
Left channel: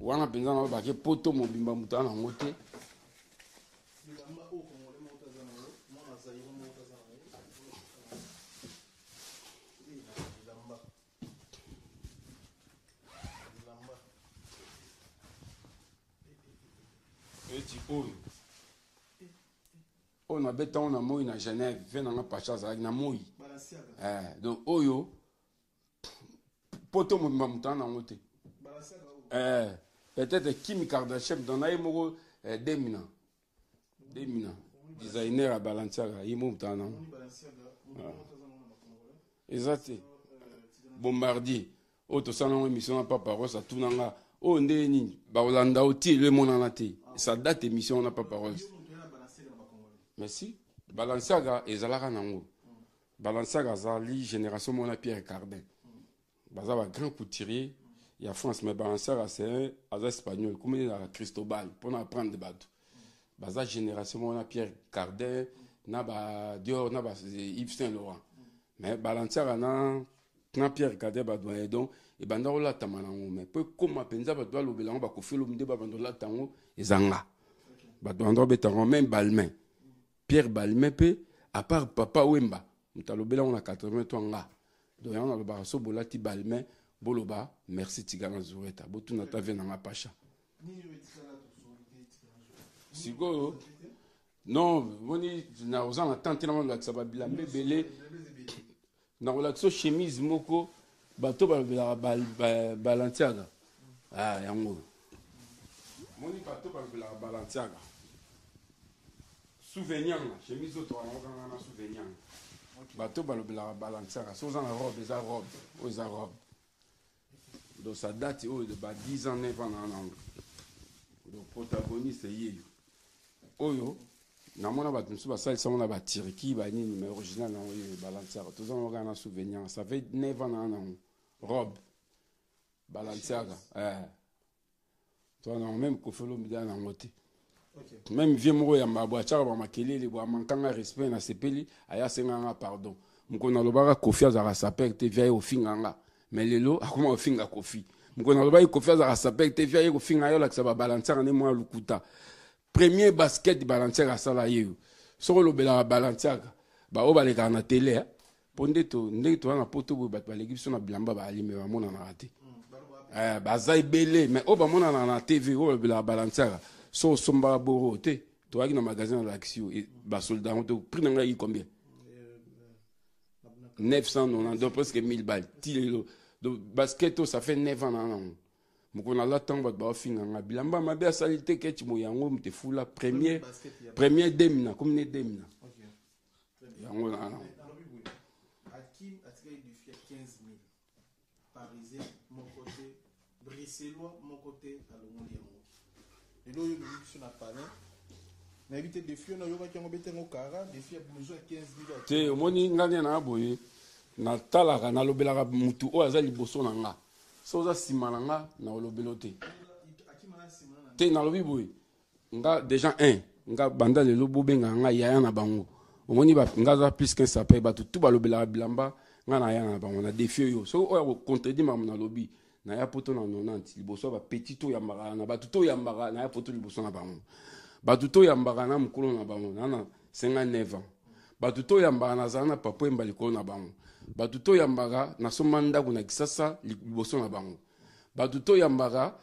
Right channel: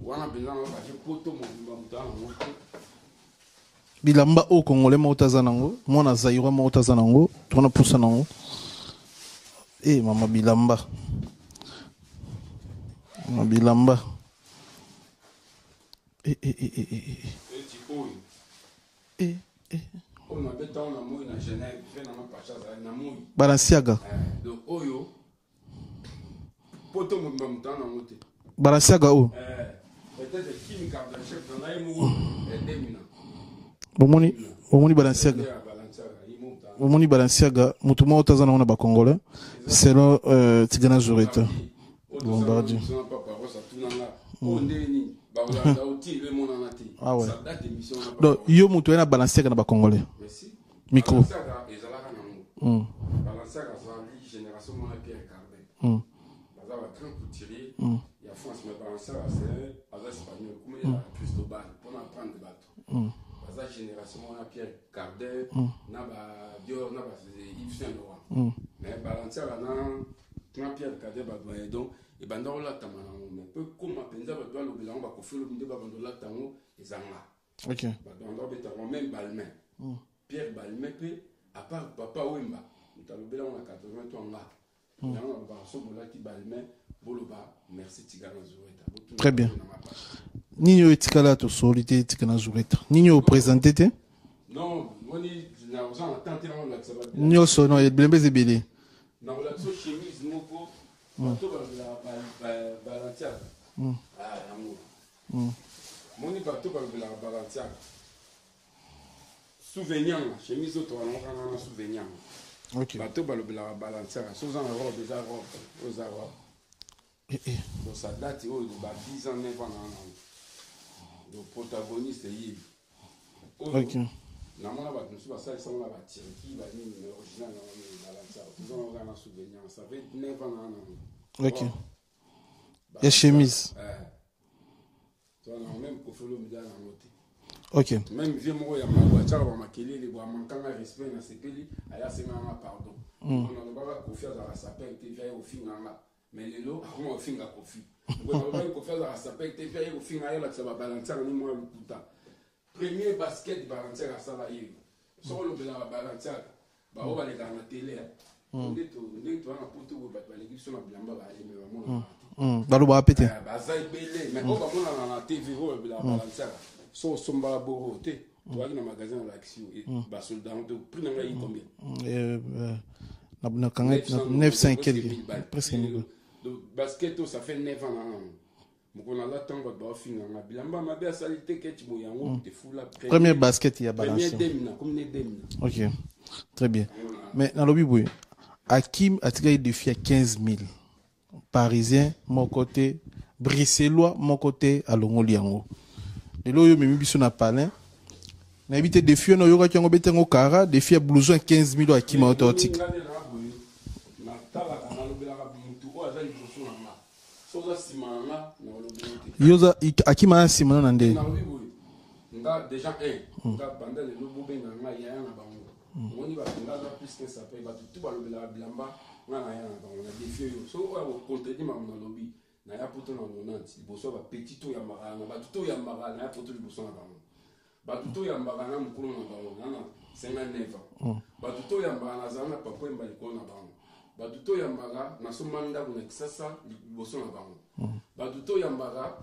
wana penza na ba ke poto mobimba mutana ngote bilamba o congolais moko taza nango mwana zaïrois moko taza nango tona pusa nango mama bilamba on a bêta on a moi na Genève fait na pacha za na moi Balenciaga donc oyo poto mobimba mutana ngote Balenciaga o peut-être Kim Kardashian dans na yemo demina bomoni Balenciaga mutu moko taza nango na ba congolais selon Tigana Zureta yo mutu na Balenciaga na ba congolais micro ezalaka nango Balenciaga zali génération mona Pierre Cardin baza ba grand couturier ya France mais Balenciaga c'est un espagnol comme il a Cristobal pour apprendre des bateaux baza génération on a Pierre Cardin na ba Dior na ba Yves Saint Laurent mais Balenciaga na Pierre Cardin ba doyen donc et banda ola tamana mais peu comme penza ba doit lobela ba ko felo mde ba banda la tango ezanga OK ba doit betango même Balmain Pierre Balmain pe à part papa Wemba mutalobela on a 80 ans là on a ba so bolati Balmain boloba merci Tigana Zureta très bien Nino etikala to solité Tigana Zureta Nino présenté te non woni na ozan attente na ngaka sabati Nino so no eblembe belé na wala so chemise moko bato ba Balenciaga yango moni bato ba Balenciaga souvenir chemise to na souvenir OK bato ba Balenciaga so zan robe za robe donc ça date de 10 ans 9 ans le protagoniste est OK namona ba tunsu ba salisa on a ba Turquie ba ni mais original na Balenciaga tous on a un souvenir ça fait 9 ans OK et chemise toi non même ko felo mi dana ngote OK même vieux moko ya magwacha ba makelele ba mankanga respect na sepeli aya senga pardon ko na lobaka Kofi azara sapek te via au finganga mais lelo akoma au finga Kofi ko na lobaka Kofi azara sapek te via au finga yo la tsaba Balenciaga ne mo lukuta premier basket Balenciaga sala yeyo soko lobela Balenciaga ba o baleka na télé ponde to ndeko na poto bo bat baleki so na bilamba ba alime ba mona raté ba lo ba pété ba zai belé mais o ba mona na TV o lobela Balenciaga so somba boro te to aki na magasin na l'action ba soldat on te prix na ngai combien na kanga 950 balles donc basket ça fait 9 ans là mukona la tamba ba finga bilamba mabe salite ke timo yango te fula premier basket ya premier demina comme ne demina OK très bien mais dans lobby boy Hakim a tiré défi à 15 000 parisien mon côté bruxellois mon côté à Longoliango et là yo memi biso na palais Na évité défi no yoka kiango betengo kara défi à blouson 15 000 akima automatique. Na talaka na lobelaka mutu o aza liboso na nga. Soza sima na nga na lobelote. Yoza akima sima na nde. Na lobi boy. Nga déjà nga banda le lobo benga nga yaya na bango. Omoni ba nga za plus qu'un sapé ba tout ba lobelaka bilamba nga na yaya na bango na défi yo. So o contredit ma na lobi. Na ya poto na 90 liboso ba petit to ya mbaka na ba tout ya mbaka na ya poto liboso na bango. Batuto yambaka na mukolo na bango na 59 ans. Batuto yambaka na zana papa mbali ko na bango. Batuto yambaka na somanda kuna kisasa liboso na bango. Batuto yambaka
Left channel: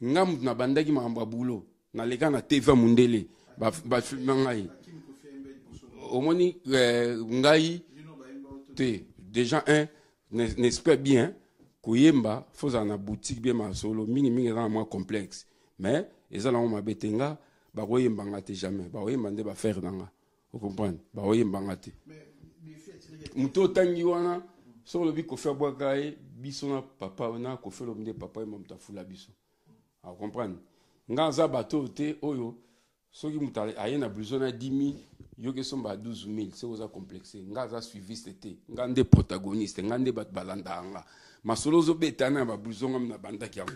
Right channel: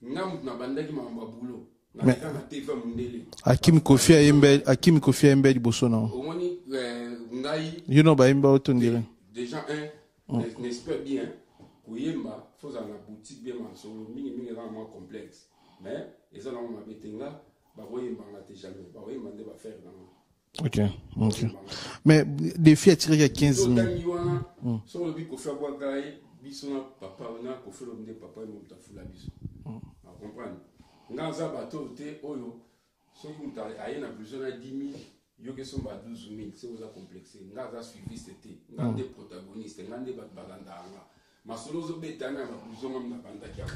ngam na bandaki mamba bulo na leka na TV mundele. Akim Kofi Embe liboso na. Omoni ngai you know ba imba otondele. Déjà n'espère bien koyemba faut na boutique bien ma solo mingi na moi complexe. Mais ils ont ma betenga baroyembanga te jamais baroyemba nde ba faire nanga. Mais défi à tirer à 15 000. Sur le bico faire boire biso na papa na ko faire le papa et mon tafula biso. À comprendre. Ngaza bateau te oyo soki mutale ayena besoin na 10 000 yoke somba 12 000 c'est aux complexé. Ngaza suivi c'était ngande protagoniste ngande bat balanda nga. Masolo zo betana ba blouson na banda kia.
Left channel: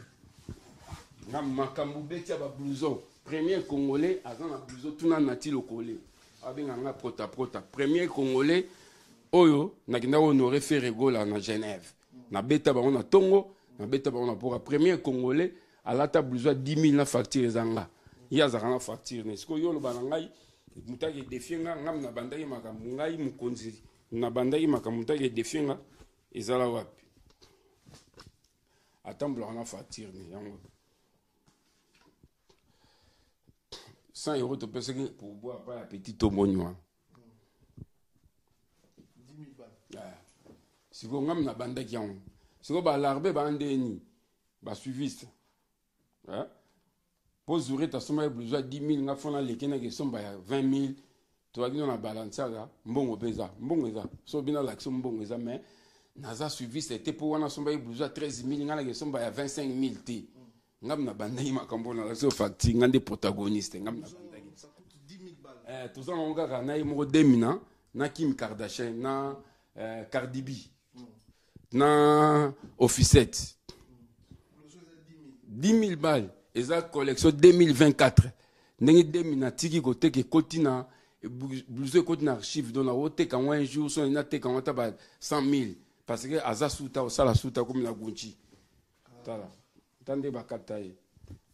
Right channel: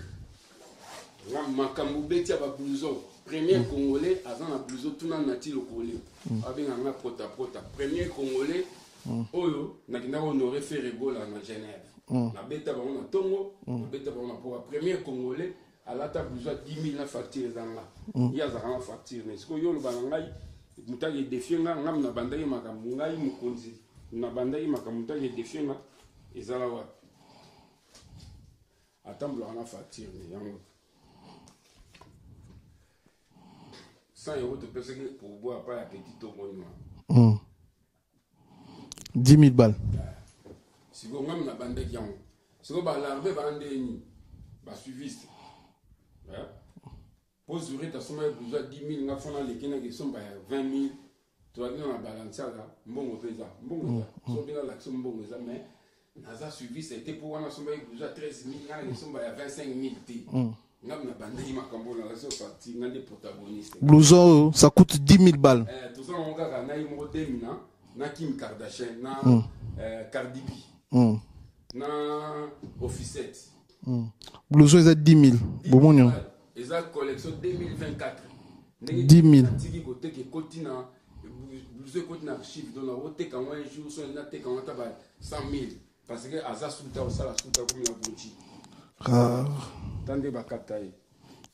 Ngam makambu betia ba blouson. Premier Congolais, avant la blouson, tout le monde a-t-il au collé. Avec un prota. Premier Congolais, Oyo, n'a honoré fait rigole en Genève. Na bêta, on a Tongo, na bêta, on a pour un premier Congolais, à la table blouson, 10 000 factures zanga. Il y a un facture. Est-ce que yo le banangai, muta qui défie nga, ngam na bandaï makamungai mukonzi, na bandaï makamuta qui défie nga, ezala wapi. Attends, blouson facture, mais 100 € te pèse pour boire pas la petite omonyoa. 10 000 balles. Si vous même na bande qui ont. Si vous l'arbe bandeni, ba suiviste. Pour zourer ta somme besoin 10 000 na fona les kena qui sont ba 20 000. Tu vas dire na balance là, mbongo pesa. So bina l'action mbongo pesa mais naza suiviste était pour wana somme besoin 13 000 na qui sont ba 25 000 t. Ngam na bandai makambo na so facture ngande protagoniste. Blouson ça coûte 10 000 balles. Tout ça on ga na imo demina na Kim Kardashian na Cardi B. Na Officette. Blouson est à 10 000. 10 000 balles. Et ça collection 2024. Ndenge 10 000. Na tiki côté que continent blouson côté na archive dans la haute quand un jour so na te quand ta ba 100 000 parce que azasuta au sala suta comme la Gucci. Tande bakataye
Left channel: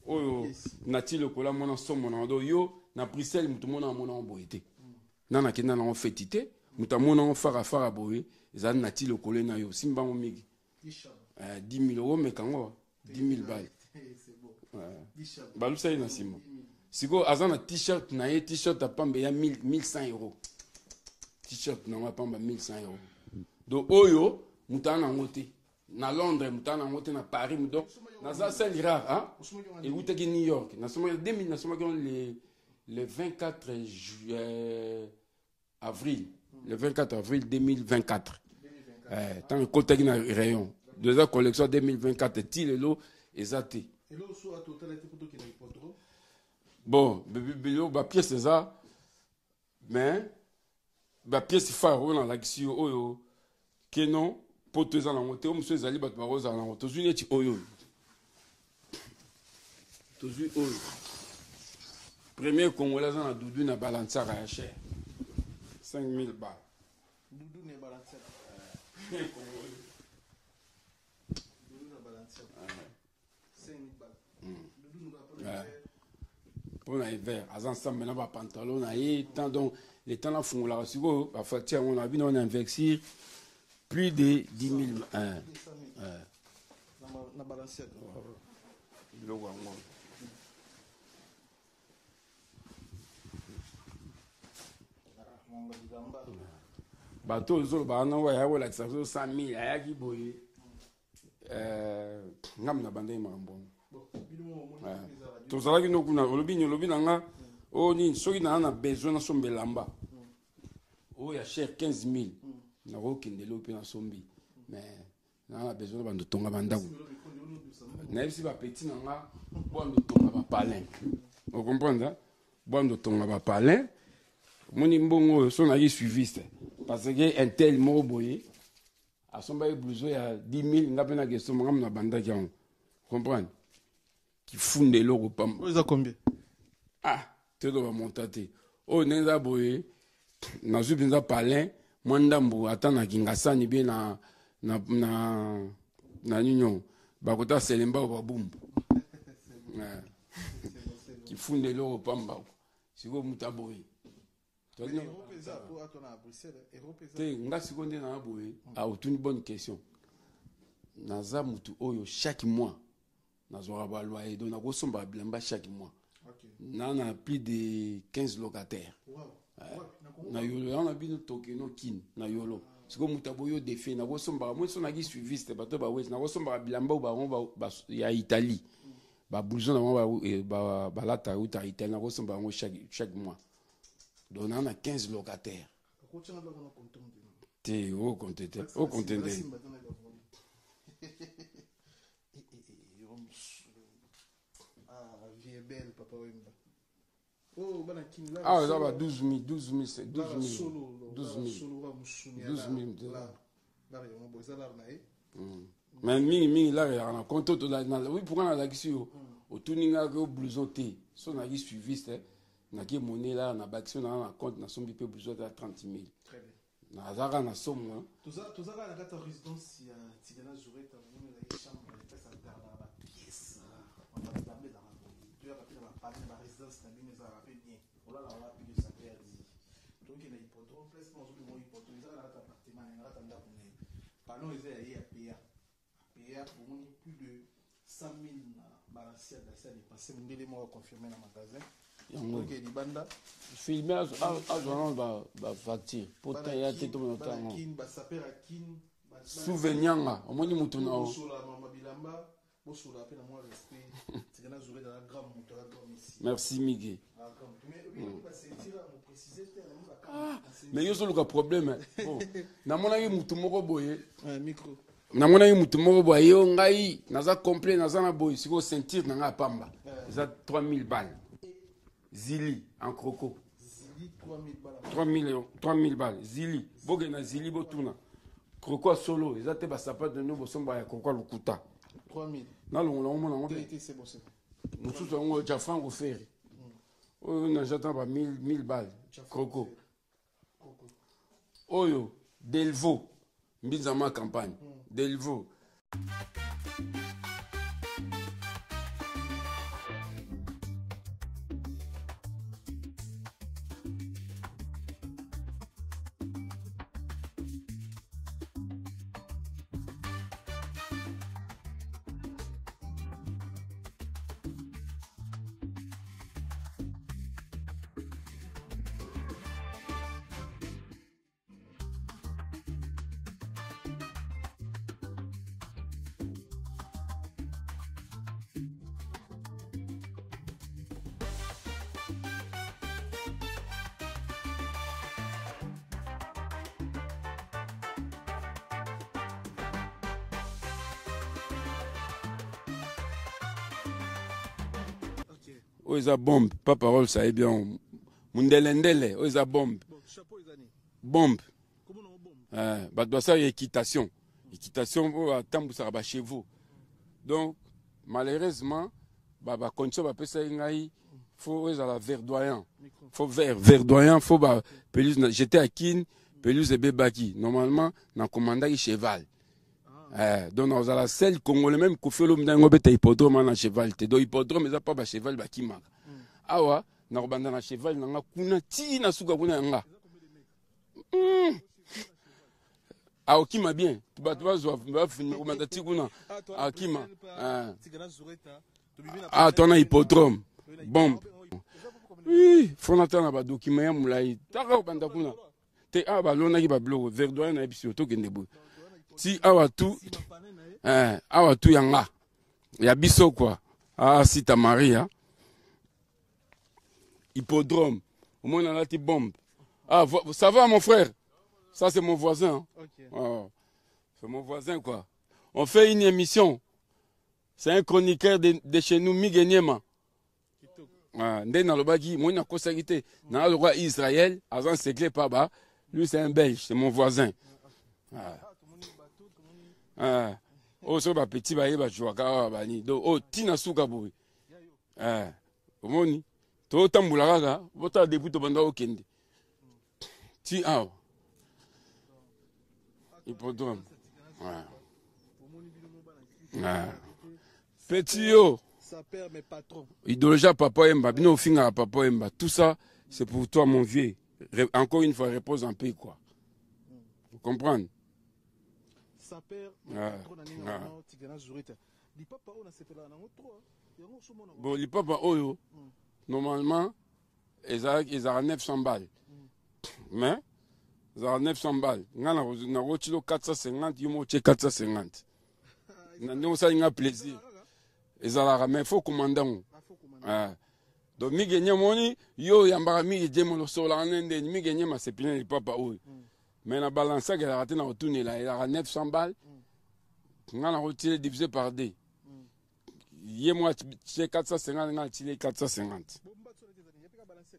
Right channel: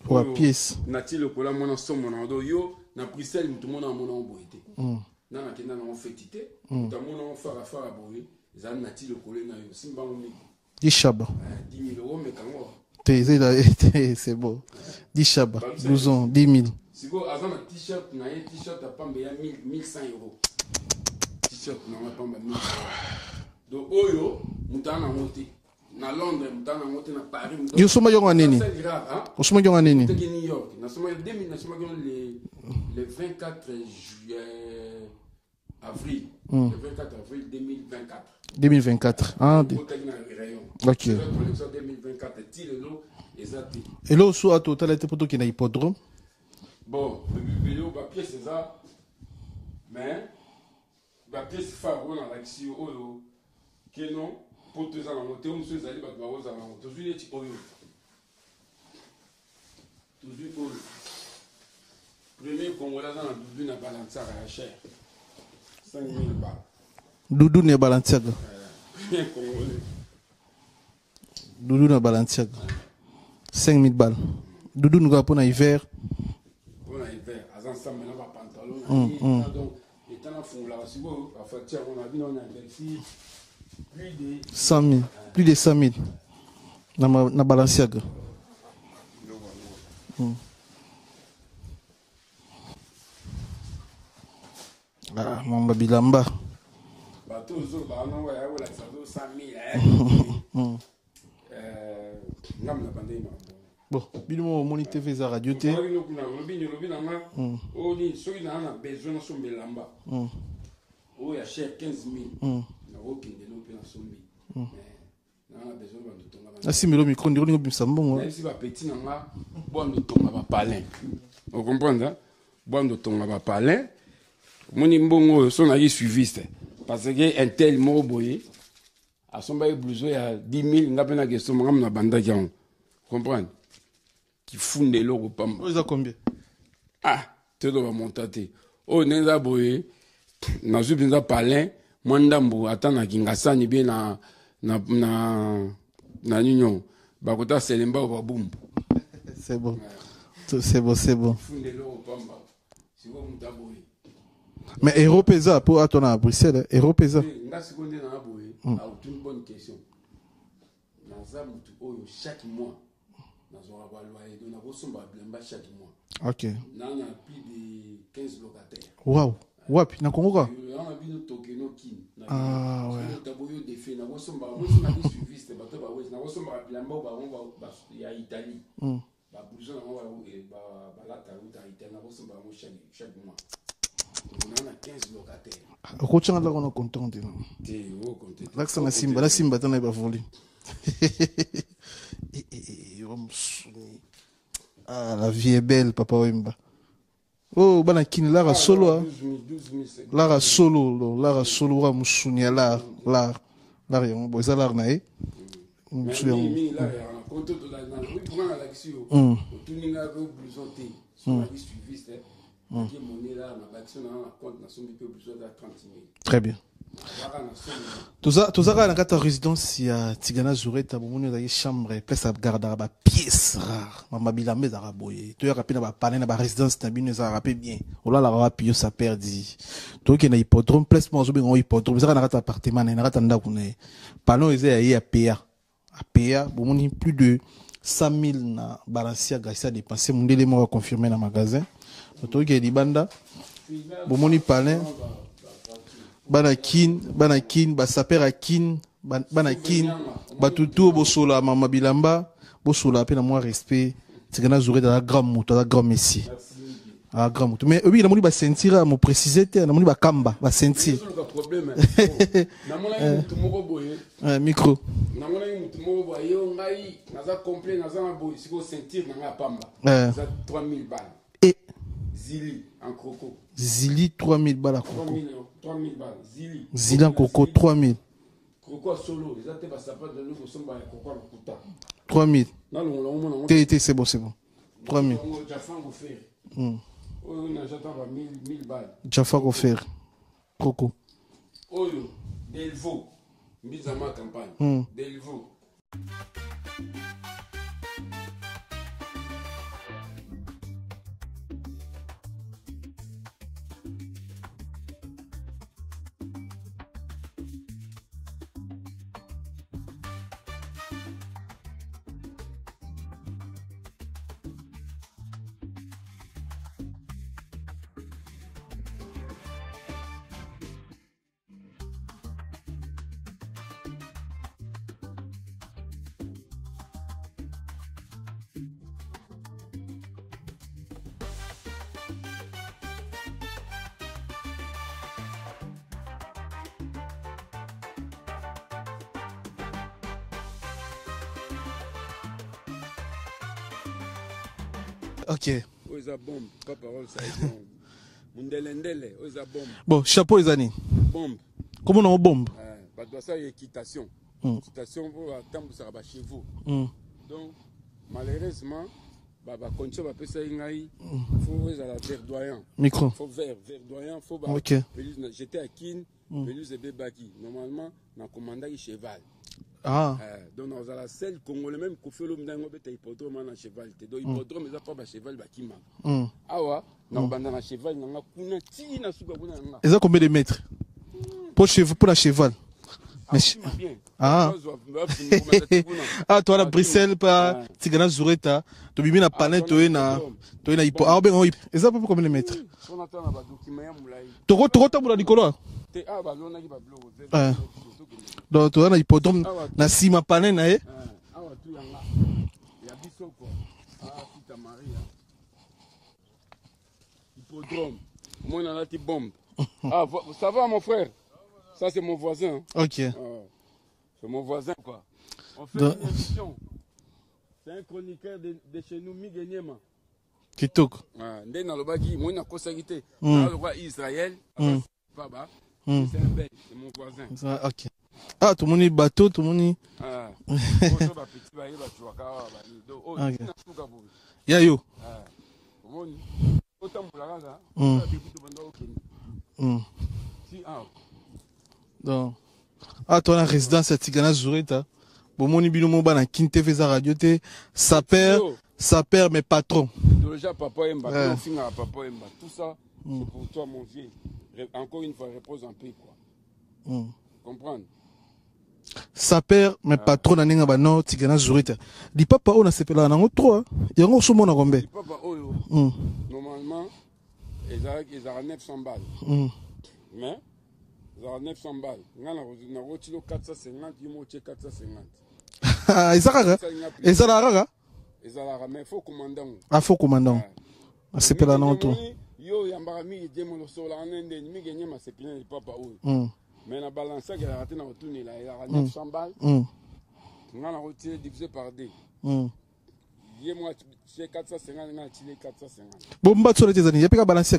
pour pièce nati le kola mona somo na do yo na Bruxelles mutu mona mona boité nana kenda na fetité mutu mona fara boy ezana nati le kola na yo simba miki di shaba 10 000 € mais kango c'est beau di shaba blouson 10 000 siko azana t-shirt na ye t-shirt a pamba ya 1100 €. T-shirt na pamba 1100 €. Do oyo mutu na monté na Londres mutana mote na Paris mutana yo soma yonga nini osoma yonga nini New York na soma 2000 na soma le 24 avril le 24 avril 2024 ah côté na rayon la collection 2024 tilelo exact et là sous à total était pour qui na hippodrome bon ba pièce ça mais ba pièce phare on a l'action oyo que non pour tous les monter on se zali bat paroles à la honte toujours neti oyo toujours oyo premier Congolais dans Doudou na balançara à cher 5 000 balles Doudou na balançara premier Congolais Doudou na balançara 5 000 balles Doudou nous va pour hiver à ensemble na ba pantalon na donc les temps là font la siko ba facture on a vu on investir plus de 100 000 plus de 100 000 na Balenciaga ah mon bilamba bato zo ba na wa ya wala 100 000 ngam na bande mambo bon bino moni TV za radio te ça no kuna lobi na nga o ni soki na besoin na sombe lamba o ya cher 15 000 na okende lopi na sombi mais na besoin ba ndotonga banda asi melo micro ndiro ngo bimsa mbongo même si ba petit na nga bo ndotonga ba palin vous comprenez Bondo tonga ba palin. Moni mbongo son ali suiviste. Parce que un tel mot boye. A son bail blouson ya 10 000 nga pena que son ngam na banda kian. Comprendre? Qui funde l'euro pamba. Vous avez combien? Ah, tu dois monter. Oh, nenza boye. Na zubinza palin. Mwandambo atana kingasani bien na union. Bakota selemba ou babumbu. C'est bon. C'est bon, c'est bon. Funde l'euro pamba. C'est quoi mutaboye? Mais Européza, pour attendre à Bruxelles, Européza. Merci qu'on est dans la boye. Ah, une bonne question. Naza mutu oyo chaque mois. Nazora ba loyer donc na kosomba bilamba chaque mois. OK. Na on a plus de 15 locataires. Waouh. Wapi na Congo quoi? On a bien toqué no kin. Ah ouais. Parce que mutaboyo défi na kosomba moi si magi suiviste bato ba wezi na kosomba bilamba ba ya Italie. Ba blouson na ba lata uta Italie na kosomba ngo chaque mois. On a 15 locataires. Au là on a content. T'es au content. Là ça na simba, la simba tana ba voli. Ah, la vie est belle, papa Wemba. Oh, bana kin lara solo. 12 000. Lara solo wa musunya la yon boza lar nae. Mais mi la ya konto to la na oui pour na l'action. Au tuninga ko blouson té. Son mari suiviste. Qui monnaie là na action na compte na son BP blouson de 30 000. Très bien. Tozaka na kata résidence ya Tigana Zureta bomoni za chambre place à garder ba pièces rares mama bilamba za boye to ya kapina ba panel na ba résidence na bino za rapé bien ola la rapio ça perdi to ke na hippodrome place mo zo bengo hippodrome za na kata appartement na kata ndako na panneau eza ya PA bomoni plus de 100 000 na Balancia Garcia dépensé mundele mo confirmer na magasin to ke libanda bomoni palin banakin basaper akin banakin batutu bosola mama bilamba bosola pe na moi respect Tigana Zureta la grand moto la grand messie. Merci Miguel. Ah grand moto mais oui na moni ba sentir mo préciser te na moni ba kamba ba sentir. C'est le problème. Na mona mutu moko boye. Micro. Na mona mutu moko boye yo ngai naza complet naza na boye siko sentir na nga pamba. Ça 3000 balles. Et Zili en croco. Zili 3000 balles. 3000 balles. Zili en coco 3000. Croco solo, ils étaient pas sapin de nouveau son bail croco le kuta. 3000. Là on c'est bon. 3000. On Jaffa offert. On a j'attends pas 1000 balles. Jaffa offert. Croco. Oyo Delvo. Mise en ma campagne. Delvo. OK. Oh, ils a bombe. Pas parole, ça est bien. Mundelendele, oh, ils a bombe. Bon, chapeau les années. Bombe. Comment on a bombe? Bah, doit ça, il y a équitation. Équitation, attendre ça va chez vous. Donc, malheureusement, bah, condition, bah, ça, il faut verdoyant. Micro. Faut verdoyant, faut bah, OK. j'étais à Kin, pelouse et bébaki. Normalement, dans commandant cheval. Donc dans la selle congolais même qu'on fait l'homme d'un bête hippodrome na cheval te do hippodrome ça pas cheval ba kima awa na banda na cheval na kuna ti na suka kuna nga et ça combien de mètres pour la cheval kima bien toi à Bruxelles pas Tigana Zureta to bibi na planète to na hippodrome et ça pour combien de mètres faut attendre ba document ya mulai to mula Nicolas balona ki ba blogo verdoyant na biso to kende bo donc to na hippodrome na sima pané na awa tu yanga ya biso quoi Sita Maria hippodrome au moins on a la bombe ça va mon frère ça c'est mon voisin OK c'est mon voisin quoi on fait une émission c'est un chroniqueur de chez nous Miguel Niema kitoko nde nalobaki moi nakosaki te naloba Israël agent secret pa ba c'est un belge c'est mon voisin. Ok. Tomoni bateau tomoni oso ba petit ba yeba chwaka bani do tina suka boy ya yo omoni to tambula kaka ota début to banda okende ti donc toi la résidence à Tigana Zureta bomoni bino mo bana kinte feza radio te sa père mes patrons idéologie papa Emba bino finga papa Emba tout ça c'est pour toi mon vieux encore une fois repose en paix quoi comprendre sa père mes patrons naninga bano Tigana Zureta di papa on a sepela nango 3 yango so mona gombe di papa oyo normalement ils ont 900 balles mais ils ont 900 balles ngana na rotilo 450 yumo 450 ezalaka mais faut commandant faut commandant sepela nango yo yambaka mi demo lo sola nende mi genye ma sepela papa oyo mais la balance qu'elle a raté dans retourner là il a 900 balles on a retiré divisé par 2 yé moi c'est 450 on a tiré 450 bon mbatso les années y a pas balance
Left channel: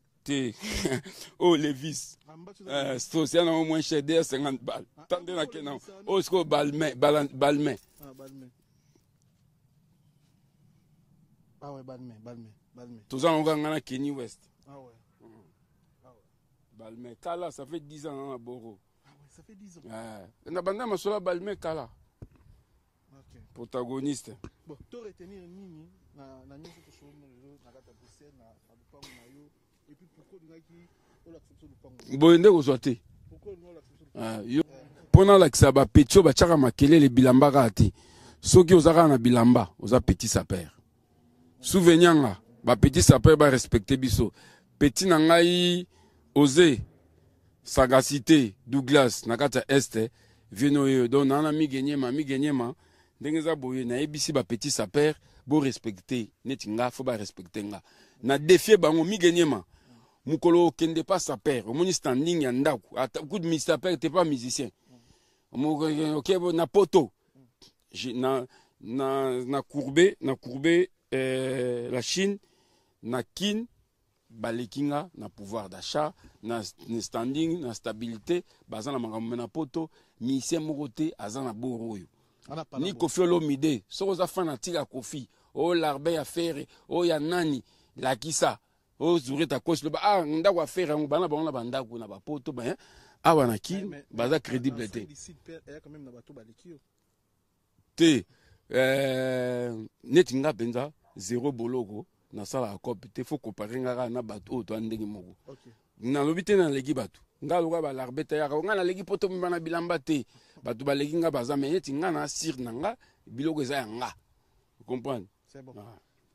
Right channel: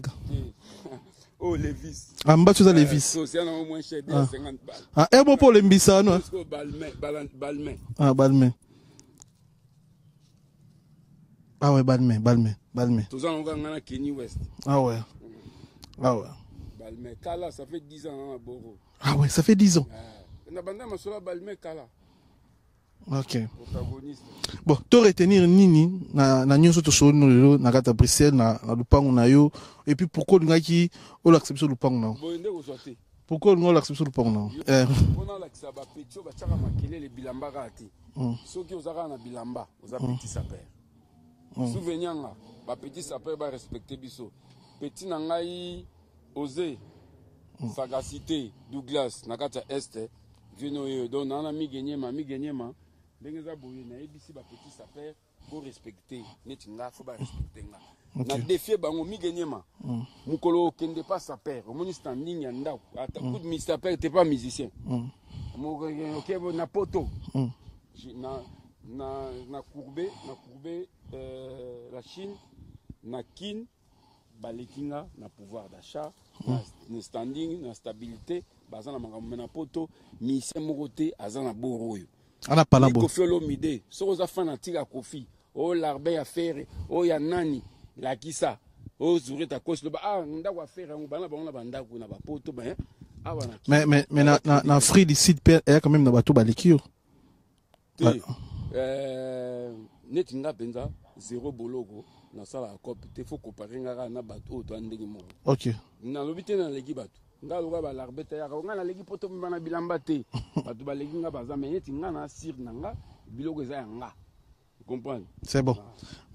oh les vis mbatso za les vis c'est au moins cher 50 balles et bon pour les mbisa non parce que balmain balmain ouais balmain tous en on a Kenny West ouais balmain Kala ça fait 10 ans à Boro. Ouais, ça fait 10 ans. On a bandé ma sola balmé Kala. Ok. Protagoniste. Bon, to retenir nini na nyonso to solo na kata Bruxelles na lupango na yo et puis pourquoi ngaki o l'acception lupango na. Bo ndeko zote. Pourquoi on l'acception lupango na. Pona la ba petio ba chaka makele le bilamba kati. Soki ozaka na bilamba, oza petit sapeur. Souvenir ba petit sapeur ba respecter biso. Petit na ngai osé sagacité Douglas nakata este vino don na mi genyema ndengeza boye na ebisi ba petit sapeur bo respecter netinga faut ba respecter nga na défier bango mi genyema mukolo kende pas sapeur au moni standing ya ndako ata coup de sapeur t'es pas musicien OK na poto na courbé la Chine na kin balekinga na pouvoir d'achat na standing na stabilité bazana makambo na poto mise mokote azana boroyo ana pala bo Kofi Olomide so za fana tika Kofi o larbe ya fere o ya nani la kisa o Zureta kosi ndako affaire ngo bana ba bandako na ba poto ba awana ki mais na free du site père et quand même na bato balikio te netinga benza zéro bologo na sala akopi te faut comparer ngaka na bato to ndenge moko OK na lobite na legi bato ngaloka ba larbeta ya nga na legi poto mbana bilamba te bato ba legi nga baza mais tinga na sir nanga biloko eza nga comprendre c'est bon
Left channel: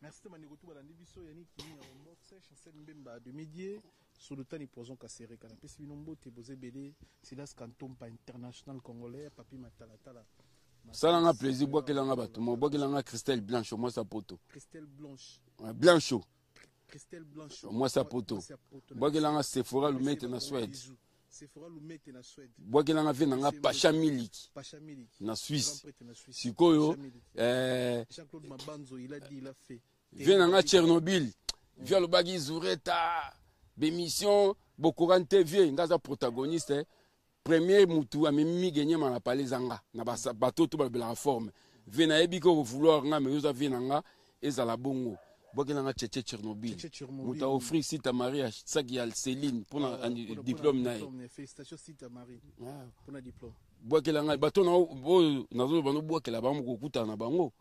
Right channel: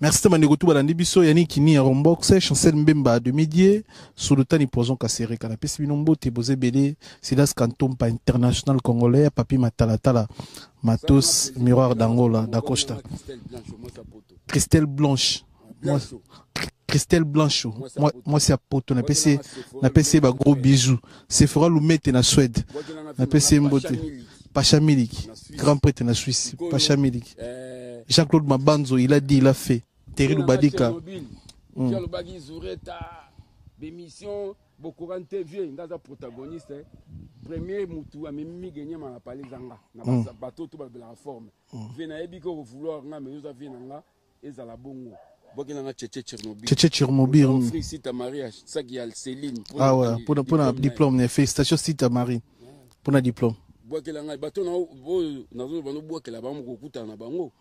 merci Maneko tout balandi biso yani kini ya Rombox Chancel Mbemba de Midier Sultani Poison Kasere kana pesi binombo te boze belé Silas Kantompa international congolais papi Matalatala Matos miroir d'Angola d'Acosta Christelle Blanche Christelle Blanchot moi c'est à poto na PC ba gros bisous Sephora Lumete na Suède na PC Mbote Pacha Milik grand prêtre na Suisse Pacha Milik Jean-Claude Mabanzo il a dit il a fait Terry Badika Fialo Bagi Zureta bémission Bokoran TV ngaza protagoniste premier mutu amemi gagner ma palais zanga na bateau to ba la forme vena ebiko vouloir nga mais oza vena nga ezala bongo Bogena Tchétché Tchernobyl. Offrir site à Marie, ça qui a Céline. Ouais, pour un diplôme, félicitations site à Marie. Pour un diplôme. Bokelanga, bateau na zo bano bokela bango kokuta na bango.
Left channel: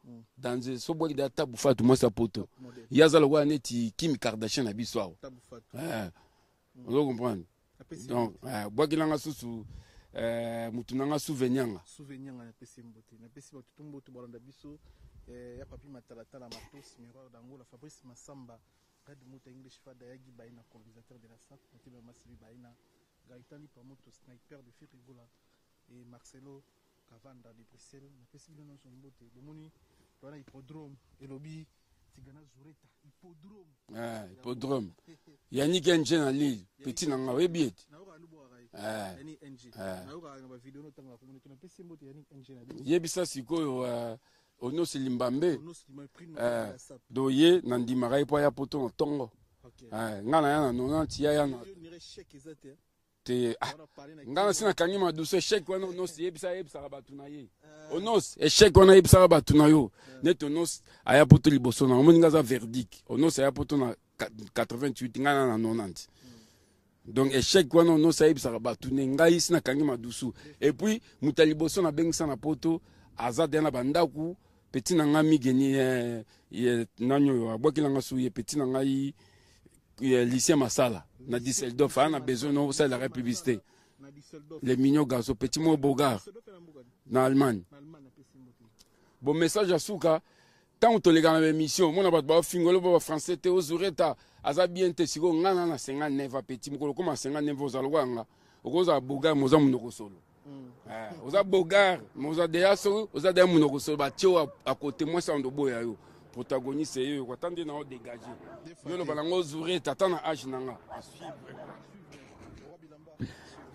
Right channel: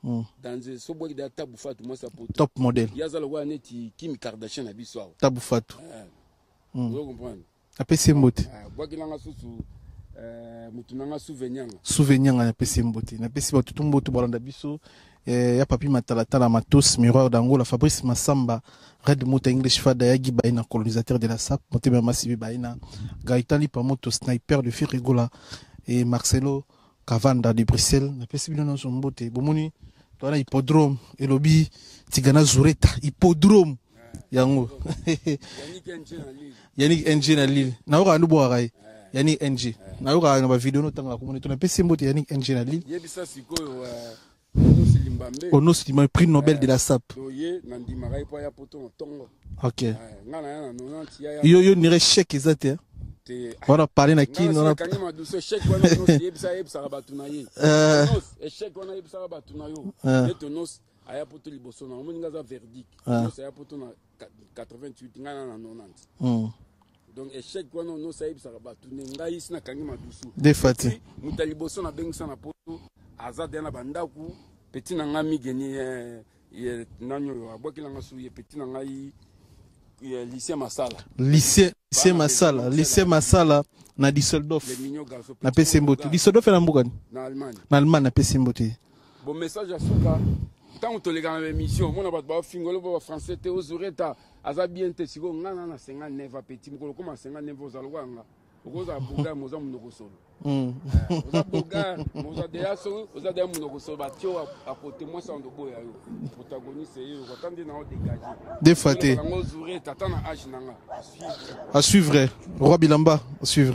Dans ce bois de tabu fatu moi sa poto. Top modèle. Yazala wa neti Kim Kardashian na biso. Tabu fatu. Vous comprenez? APC Mbote. Bokelanga susu mutunanga souvenir. Souvenir na APC Mbote. Na APC Mbote tout mbote bolanda biso. Ya papi Matalatala Matos miroir d'Angola Fabrice Massamba Red Mota English Fada Yagi Baina colonisateur de la SAP Motema Massivi Baina Gaëtan Lipamoto sniper de Firigola et Marcelo Cavanda de Bruxelles na pesi bino son mbote bomoni to na hippodrome elobi Tigana Zureta hippodrome yango Yannick NG na Lille na ora ndubo akai Yannick NG na ora na ba video no tanga ko moni to na pesi mbote Yannick NG na Lille yebisa sikoyo Ono Silimambe, prix Nobel de la SAP. Doye nandimaka ye po ya poto na tongo. Ok. Nga na ya na 90 ya. Yo nire chèque ezate. On a parlé na qui on a kangi ma douce chèque wana no yebisa batu na ye. Nos chèque wana yebisa batu na yo. Neto nos aya poto liboso na moninga za verdict. Nos aya poto na 88 nga na 90. Donc échec wana no sa yebisa batu ne ngai sina kangi ma douce. Et puis mutaliboso na bengisa na poto azade na bandaku petit na ngami geni nanyo abwaki langa suye petit na ngai lycée Masala. Lycée Masala. Lycée Masala na Düsseldorf. Les mignons garçons. Na Pesimbote. Düsseldorf na Mbugani. Na Allemagne. Na Allemagne na Pesimbote. Bon message à Souka. Tant que les gars na émission, mon abat ba fingolo ba français te ozureta azabi ente siko ngana na 59 petit mukolo koma 59 ozalwanga. Okoza boga moza munoko solo. Oza boga moza deya so oza deya munoko solo ba tio à côté moi ça ndo boya yo. Protagoniste yo ko tande na o dégager. Des fois, à suivre. Roi Bilamba, à suivre.